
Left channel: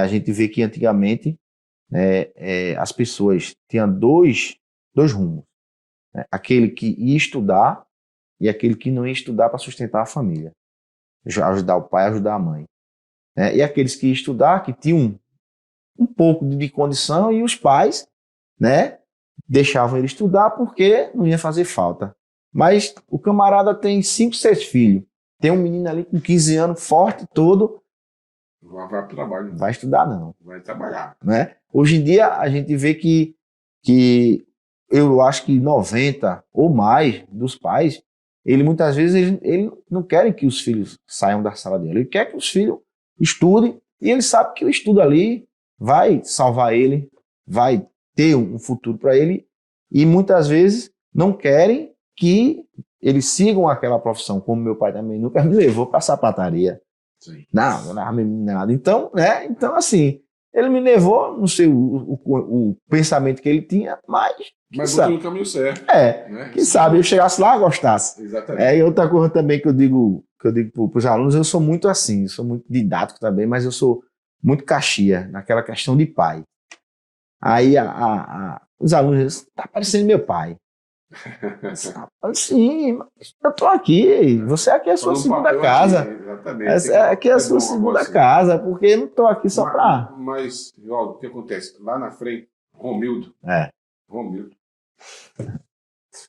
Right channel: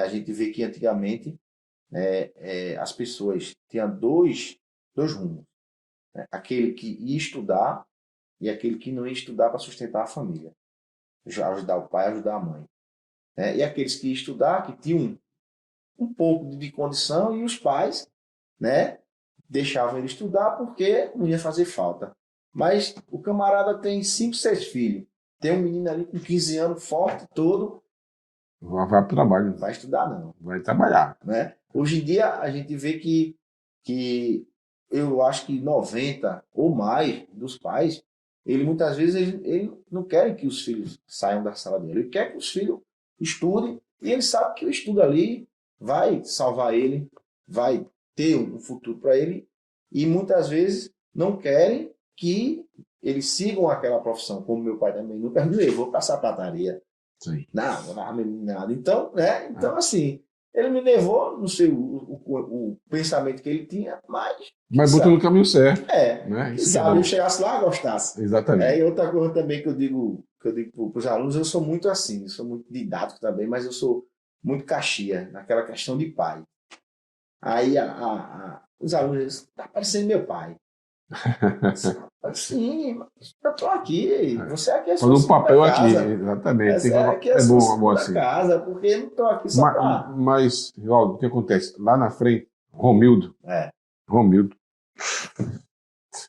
A gente vê que antigamente as pessoas tinham dois rumos, né? Aquele que ia estudar e aquele que não ia estudar para sustentar a família, ajudar o pai, ajudar a mãe, né? E aqueles que iam estudar, que tinham um pouco de condição e os pais, né, deixavam ele estudar porque não ia fazer falta. Mas o camarada tem 5, 6 filhos, tem um menino ali com 15 anos, forte, todo, Vai para o trabalho. não vai estudar não, Vai trabalhar. né? Hoje em dia a gente vê que eu acho que 90 ou mais dos pais, ele muitas vezes ele não querem que os filhos saiam da sala dele, ele quer que os filhos estudem e ele sabe que o estudo ali vai salvar ele, vai ter um futuro para ele e muitas vezes não querem que eles sigam aquela profissão, como meu pai também nunca me levou para sapataria. Sim. Não, eu não nada. Então, né? Então, assim, ele me levou, não sei o pensamento que ele tinha, mas botou no caminho certo. Né? quem sabe eu chegasse lá e gostasse. Exatamente. E outra coisa também que eu digo para os alunos, eu sou muito assim, eu sou muito didático também, mas eu sou muito caxia naquela questão de pai. Aí os alunos dizem, tá parecendo meu pai. Sim, mas eu tô aqui. Você aqui é a sua segunda casa. Aqui, exatamente. Aqui é a sua bom, segunda assim. casa, porque eu não tô aqui só pra... Mas, Rivaldo, o que acontece? Lá na frente, Romildo. Romildo.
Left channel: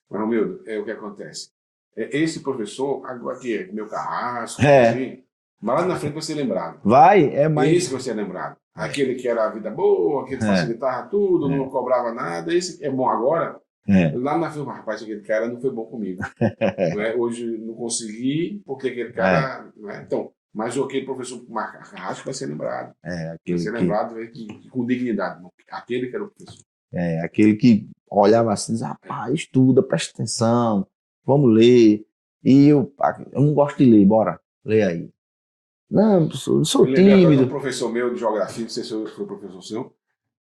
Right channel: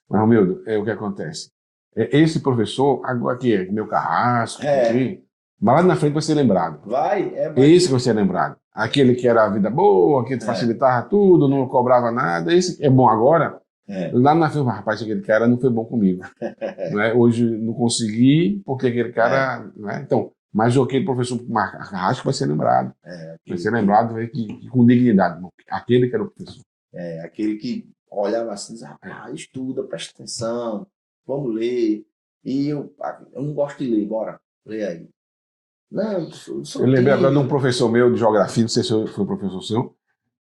Mas, Romildo, o que acontece? Esse professor, agora aqui é meu carrasco, enfim, mas lá na frente vai ser lembrado. Esse vai ser lembrado. Aquele que era a vida boa, aquele que facilitava tudo, não cobrava nada. Esse é bom agora. Lá na frente, rapaz, aquele cara não foi bom comigo. Né? Hoje não consegui, porque aquele cara. Né? Então, mas aquele professor Carrasco vai ser lembrado. Vai ser lembrado com dignidade. Aquele que era o professor. Aquele que olhava assim, diz, rapaz, estuda, presta atenção, vamos ler. E eu não gosto de ler, bora, lê aí. Não, eu sou eu lembrei agora de um tímido. professor meu de geografia, não sei se foi o professor seu,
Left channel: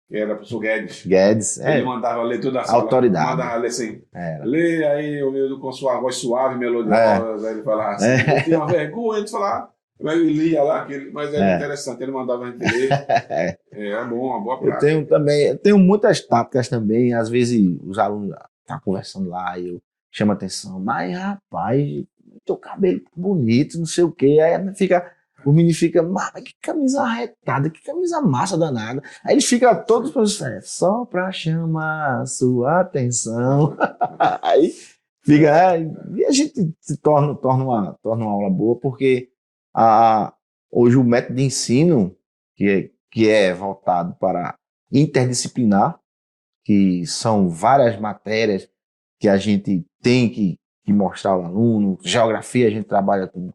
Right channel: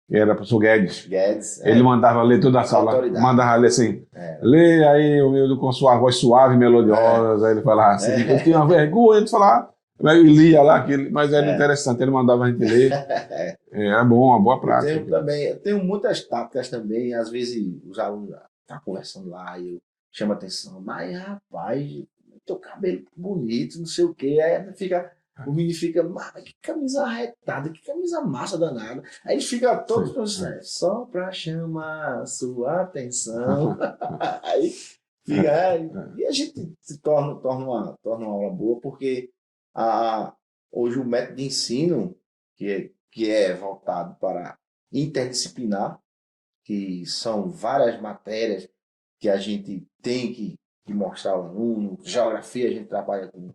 que era o professor Guedes. Ele mandava ler toda a sala. Autoridade. Mandava ler assim, lê aí, Romildo, com sua voz suave e melodiosa. Aí ele falava assim, eu tinha uma vergonha de falar. Ele lia lá, mas era interessante, ele mandava a gente ler. Era bom, uma boa prática. Eu tenho muitas táticas também, às vezes os alunos estão conversando lá e eu chamo a atenção, mas rapaz, teu cabelo tá bonito, não sei o quê, aí o menino fica, mas que camisa arretada, que camisa massa danada. Aí ele fica todos só pra chamar a sua atenção. Aí fica, e a gente se torna uma aula boa, porque hoje o método de ensino, que é voltado para interdisciplinar, que são várias matérias que a gente tem mostrar ao aluno. Geografia a gente trabalha com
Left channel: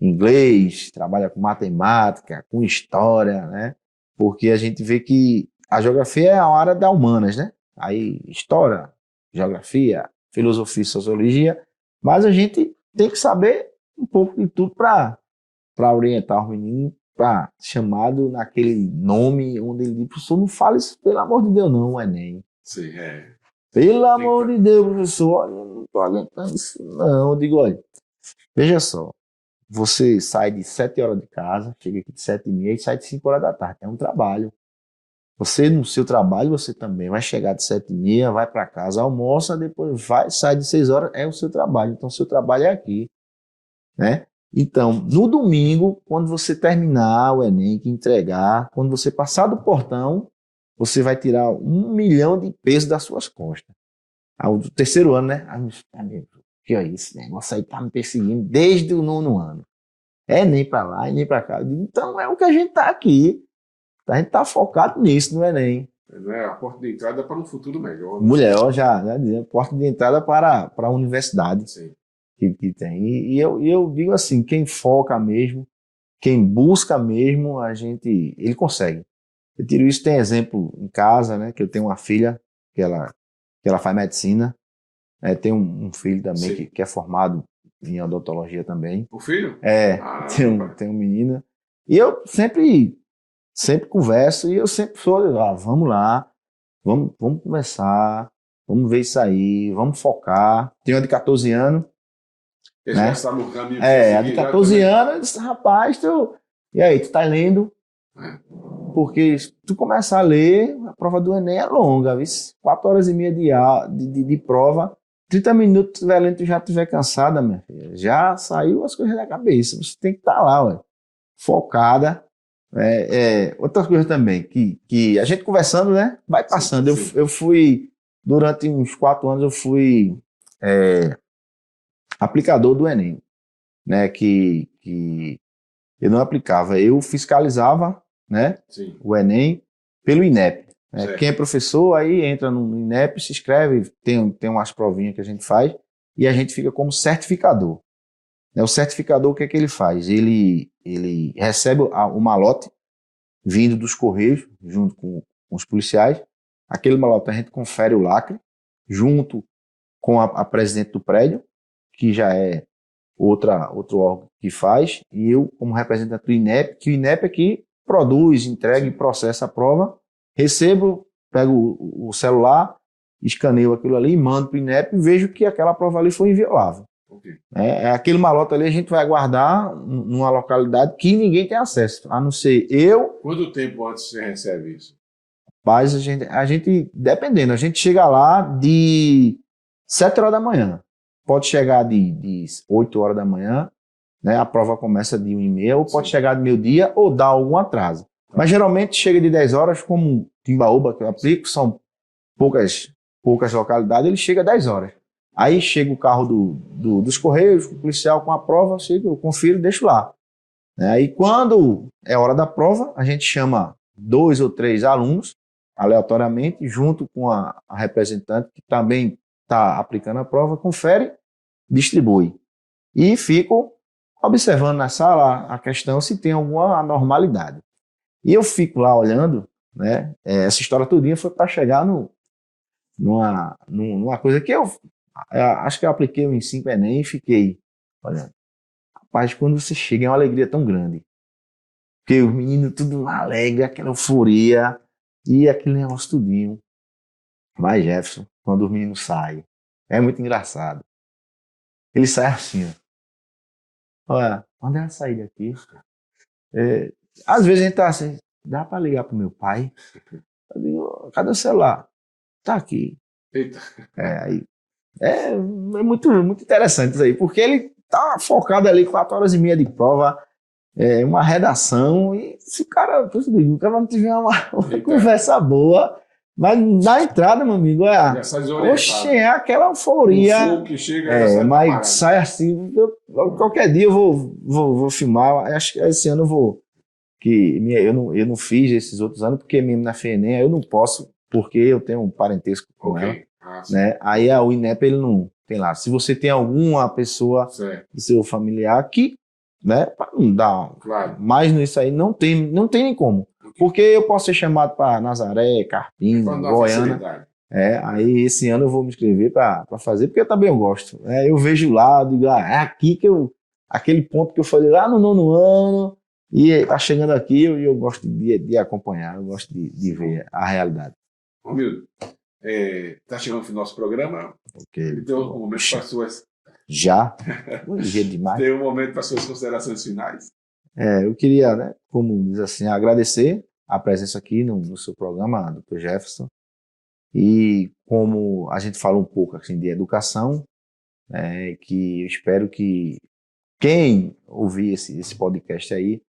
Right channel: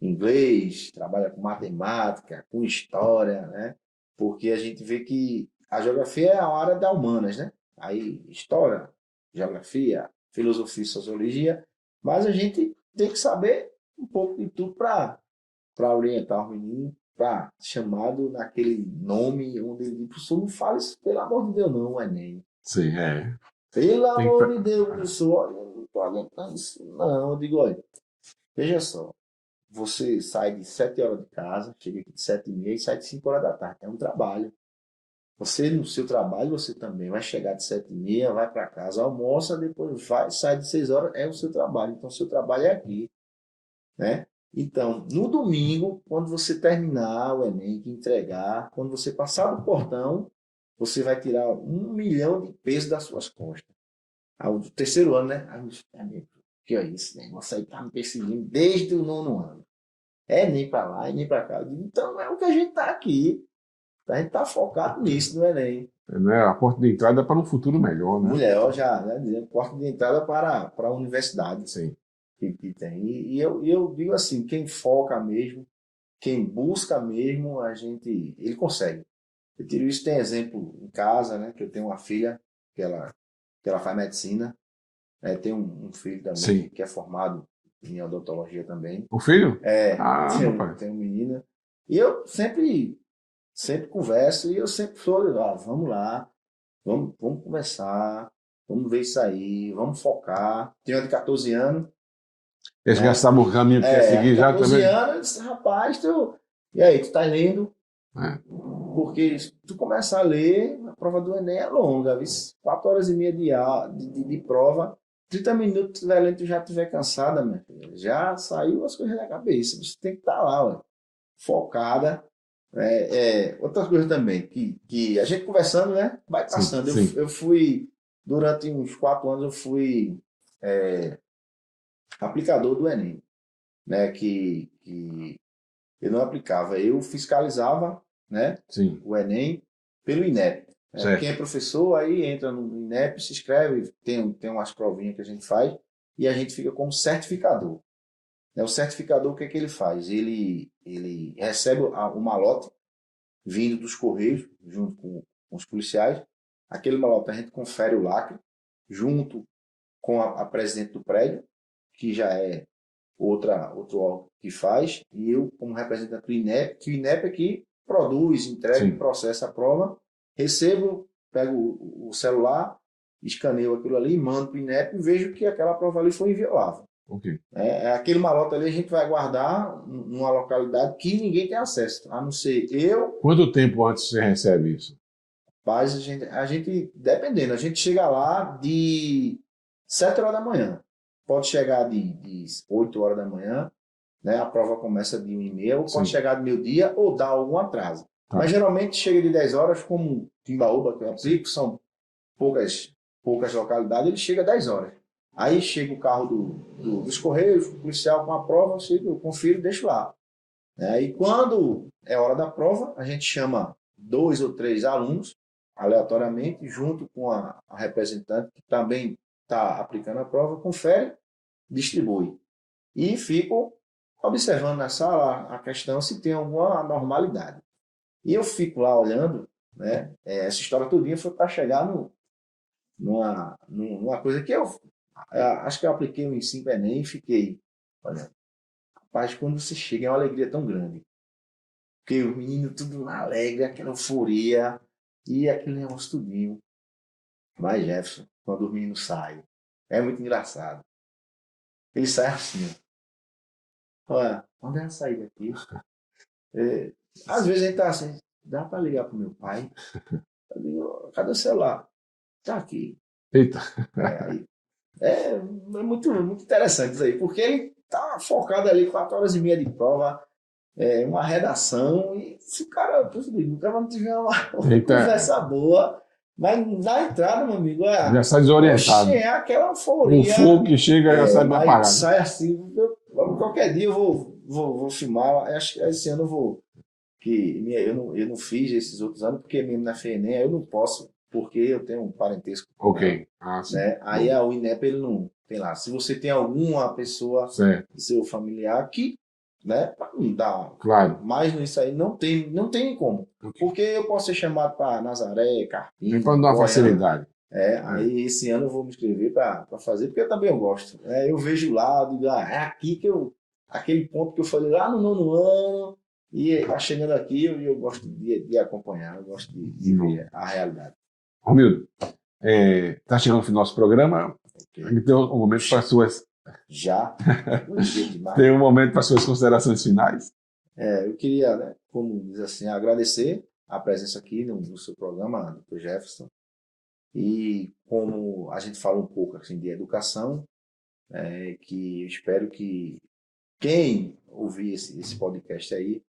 inglês, trabalha com matemática, com história, né? Porque a gente vê que a geografia é a área da humanas, né? Aí história, geografia, filosofia e sociologia, mas a gente tem que saber um pouco de tudo para orientar os meninos, para chamado naquele nome onde ele diz, professor, não fale isso, pelo amor de Deus, não, o Enem. Sim, é. Pelo amor de Deus, professor, olha, eu não estou aguentando isso, não. Eu digo, olha, veja só, você sai de 7 horas de casa, chega aqui de 7h30 e sai de 5 horas da tarde. É um trabalho. Você, no seu trabalho, você também vai chegar de 7h30, vai para casa, almoça, depois vai, sai de 6 horas, é o seu trabalho. Então, o seu trabalho é aqui, né? Então, no domingo, quando você terminar o Enem, que entregar, quando você passar do portão, você vai tirar 1 milhão de pesos das suas costas. Do terceiro ano, né? Ai, meu amigo, que é isso? Esse negócio aí tá me perseguindo desde o 9º ano. É nem para lá, e nem para cá. Eu digo, então, é o que a gente tá aqui. A gente tá focado nisso, no Enem. Né? A porta de entrada para um futuro melhor, né? Mulher, ó, já, né, dizendo, porta de entrada para a universidade. Sim. Que tem. E eu digo assim, quem foca mesmo, quem busca mesmo, ele consegue. Eu tiro isso, tem exemplo em casa, né? Que eu tenho uma filha que ela faz medicina, né, tem um filho também que é formado em odontologia também. O filho? Tem um menino. E eu sempre converso e eu sempre sou, vamos lá, vamos conversar, vamos ver isso aí, vamos focar. Tem uma de 14 anos. Eles já sabem o caminho que quer seguir. De 14 anos, eu disse, rapaz, e aí, tu tá lendo? Porque se tu começar a ler, a prova do Enem é longa, viu? 4h30 de prova, 30 minutos tu estiver lendo, tu já estiver cansada, minha filha. Já saiu as coisas da cabeça. Você tem que estar lá, ué, focada. Outras coisas também, que a gente conversando, né? Vai passando. Sim. Eu fui, durante uns 4 anos, eu fui aplicador do Enem, né? Que eu não aplicava, eu fiscalizava, né? Sim. O Enem pelo INEP. Né? Quem é professor aí entra no INEP, se inscreve, tem umas provinhas que a gente faz e a gente fica como certificador. O certificador, o que é que ele faz? Ele recebe o malote vindo dos Correios, junto com os policiais. Aquele malote a gente confere o lacre, junto com a presidente do prédio, que já é outro órgão que faz, e eu, como representante do INEP, que o INEP é que produz, entrega e processa a prova, recebo, pego o celular, escaneio aquilo ali, mando para o INEP e vejo que aquela prova ali foi inviolável. Okay. Aquele malote ali a gente vai guardar numa localidade que ninguém tem acesso, a não ser eu. Quanto tempo antes você recebe isso? Mas a gente, dependendo, a gente chega lá de 7 horas da manhã. Pode chegar de 8 horas da manhã, né? A prova começa de 1h30, ou pode chegar de meio-dia ou dar algum atraso. Mas geralmente chega de 10 horas, como Timbaúba, que eu aplico, são poucas localidades, ele chega 10 horas. Aí chega o carro dos Correios, o policial com a prova, eu confiro e deixo lá. Aí quando é hora da prova, a gente chama 2 ou 3 alunos, aleatoriamente, junto com a representante que também está aplicando a prova, confere, distribui. E fico observando na sala a questão se tem alguma anormalidade. E eu fico lá olhando, né? Essa história todinha foi para chegar numa coisa que eu acho que eu apliquei em 5 Enem e fiquei, olha, rapaz, quando você chega é uma alegria tão grande. Porque os meninos tudo alegre, aquela euforia e aquele negócio tudinho. Mas Jefferson, quando os meninos saem, é muito engraçado. Ele sai assim, ó. Olha, onde é a saída aqui? Às vezes a gente tá assim, dá para ligar pro meu pai? Eu digo, cadê o celular? Tá aqui. Eita. É muito, muito interessante isso aí, porque ele tá focado ali 4h30 de prova, uma redação, e se o cara não tiver uma conversa boa, mas na entrada, meu amigo, já sai desorientado. Oxe, é aquela euforia. O fogo que chega já sai mas sai assim, qualquer dia eu vou filmar, acho que esse ano eu vou, eu não fiz esses outros anos, porque mesmo na FENEM eu não posso, porque eu tenho um parentesco com ela. sim. né? Aí o INEP, ele não tem lá. Se você tem alguma pessoa Certo, do seu familiar que, né, pra não dar claro. mais nisso aí, não tem nem como. Porque eu posso ser chamado para Nazaré, Carpina, Para dar Goiânia. facilidade. Aí esse ano eu vou me inscrever para fazer, porque também eu gosto. Eu vejo lá, digo, é aqui que aquele ponto que eu falei lá no 9º ano, e tá chegando aqui, eu gosto de acompanhar, eu gosto de ver a realidade. Romildo, está chegando o fim do nosso programa. Ok. Tem um momento para suas. Já? Hoje é demais. Tem um momento para suas considerações finais. Eu queria, né, como diz assim, agradecer a presença aqui no seu programa, Dr. Jefferson. E como a gente falou um pouco assim, de educação, que eu espero que quem ouvir esse podcast aí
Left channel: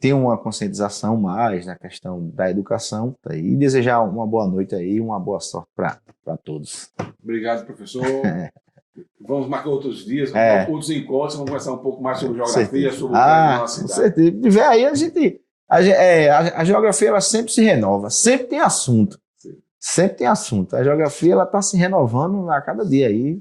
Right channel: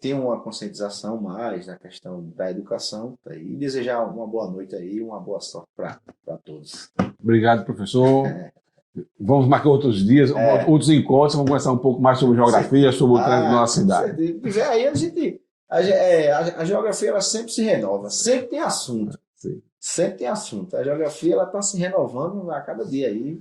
tenha uma conscientização mais na questão da educação, tá? E desejar uma boa noite aí, uma boa sorte para todos. Obrigado, professor. Vamos marcar outros dias, outros encontros, vamos conversar um pouco mais sobre geografia, sobre o trânsito da nossa cidade. Com certeza. Aí a geografia ela sempre se renova, sempre tem assunto. Sim. Sempre tem assunto. A geografia ela está se renovando a cada dia aí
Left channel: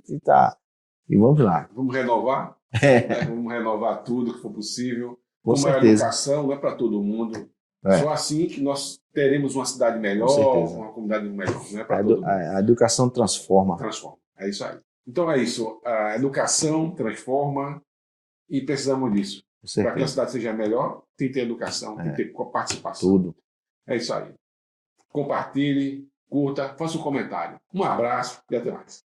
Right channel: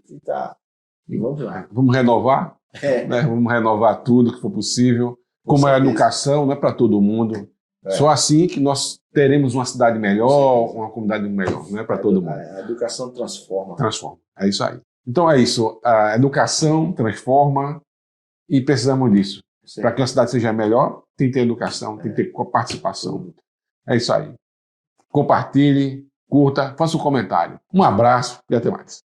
e vamos lá. Vamos renovar? Né? Vamos renovar tudo que for possível. Como certeza. a educação não é para todo mundo. Só assim que nós teremos uma cidade melhor, uma comunidade melhor. Não é para todo mundo. A educação transforma. Transforma. É isso aí. Então é isso. A educação transforma e precisamos disso. Para que a cidade seja melhor, tem que ter educação, tem que ter participação. Tudo. É isso aí. Compartilhe, curta, faça um comentário. Um abraço e até mais.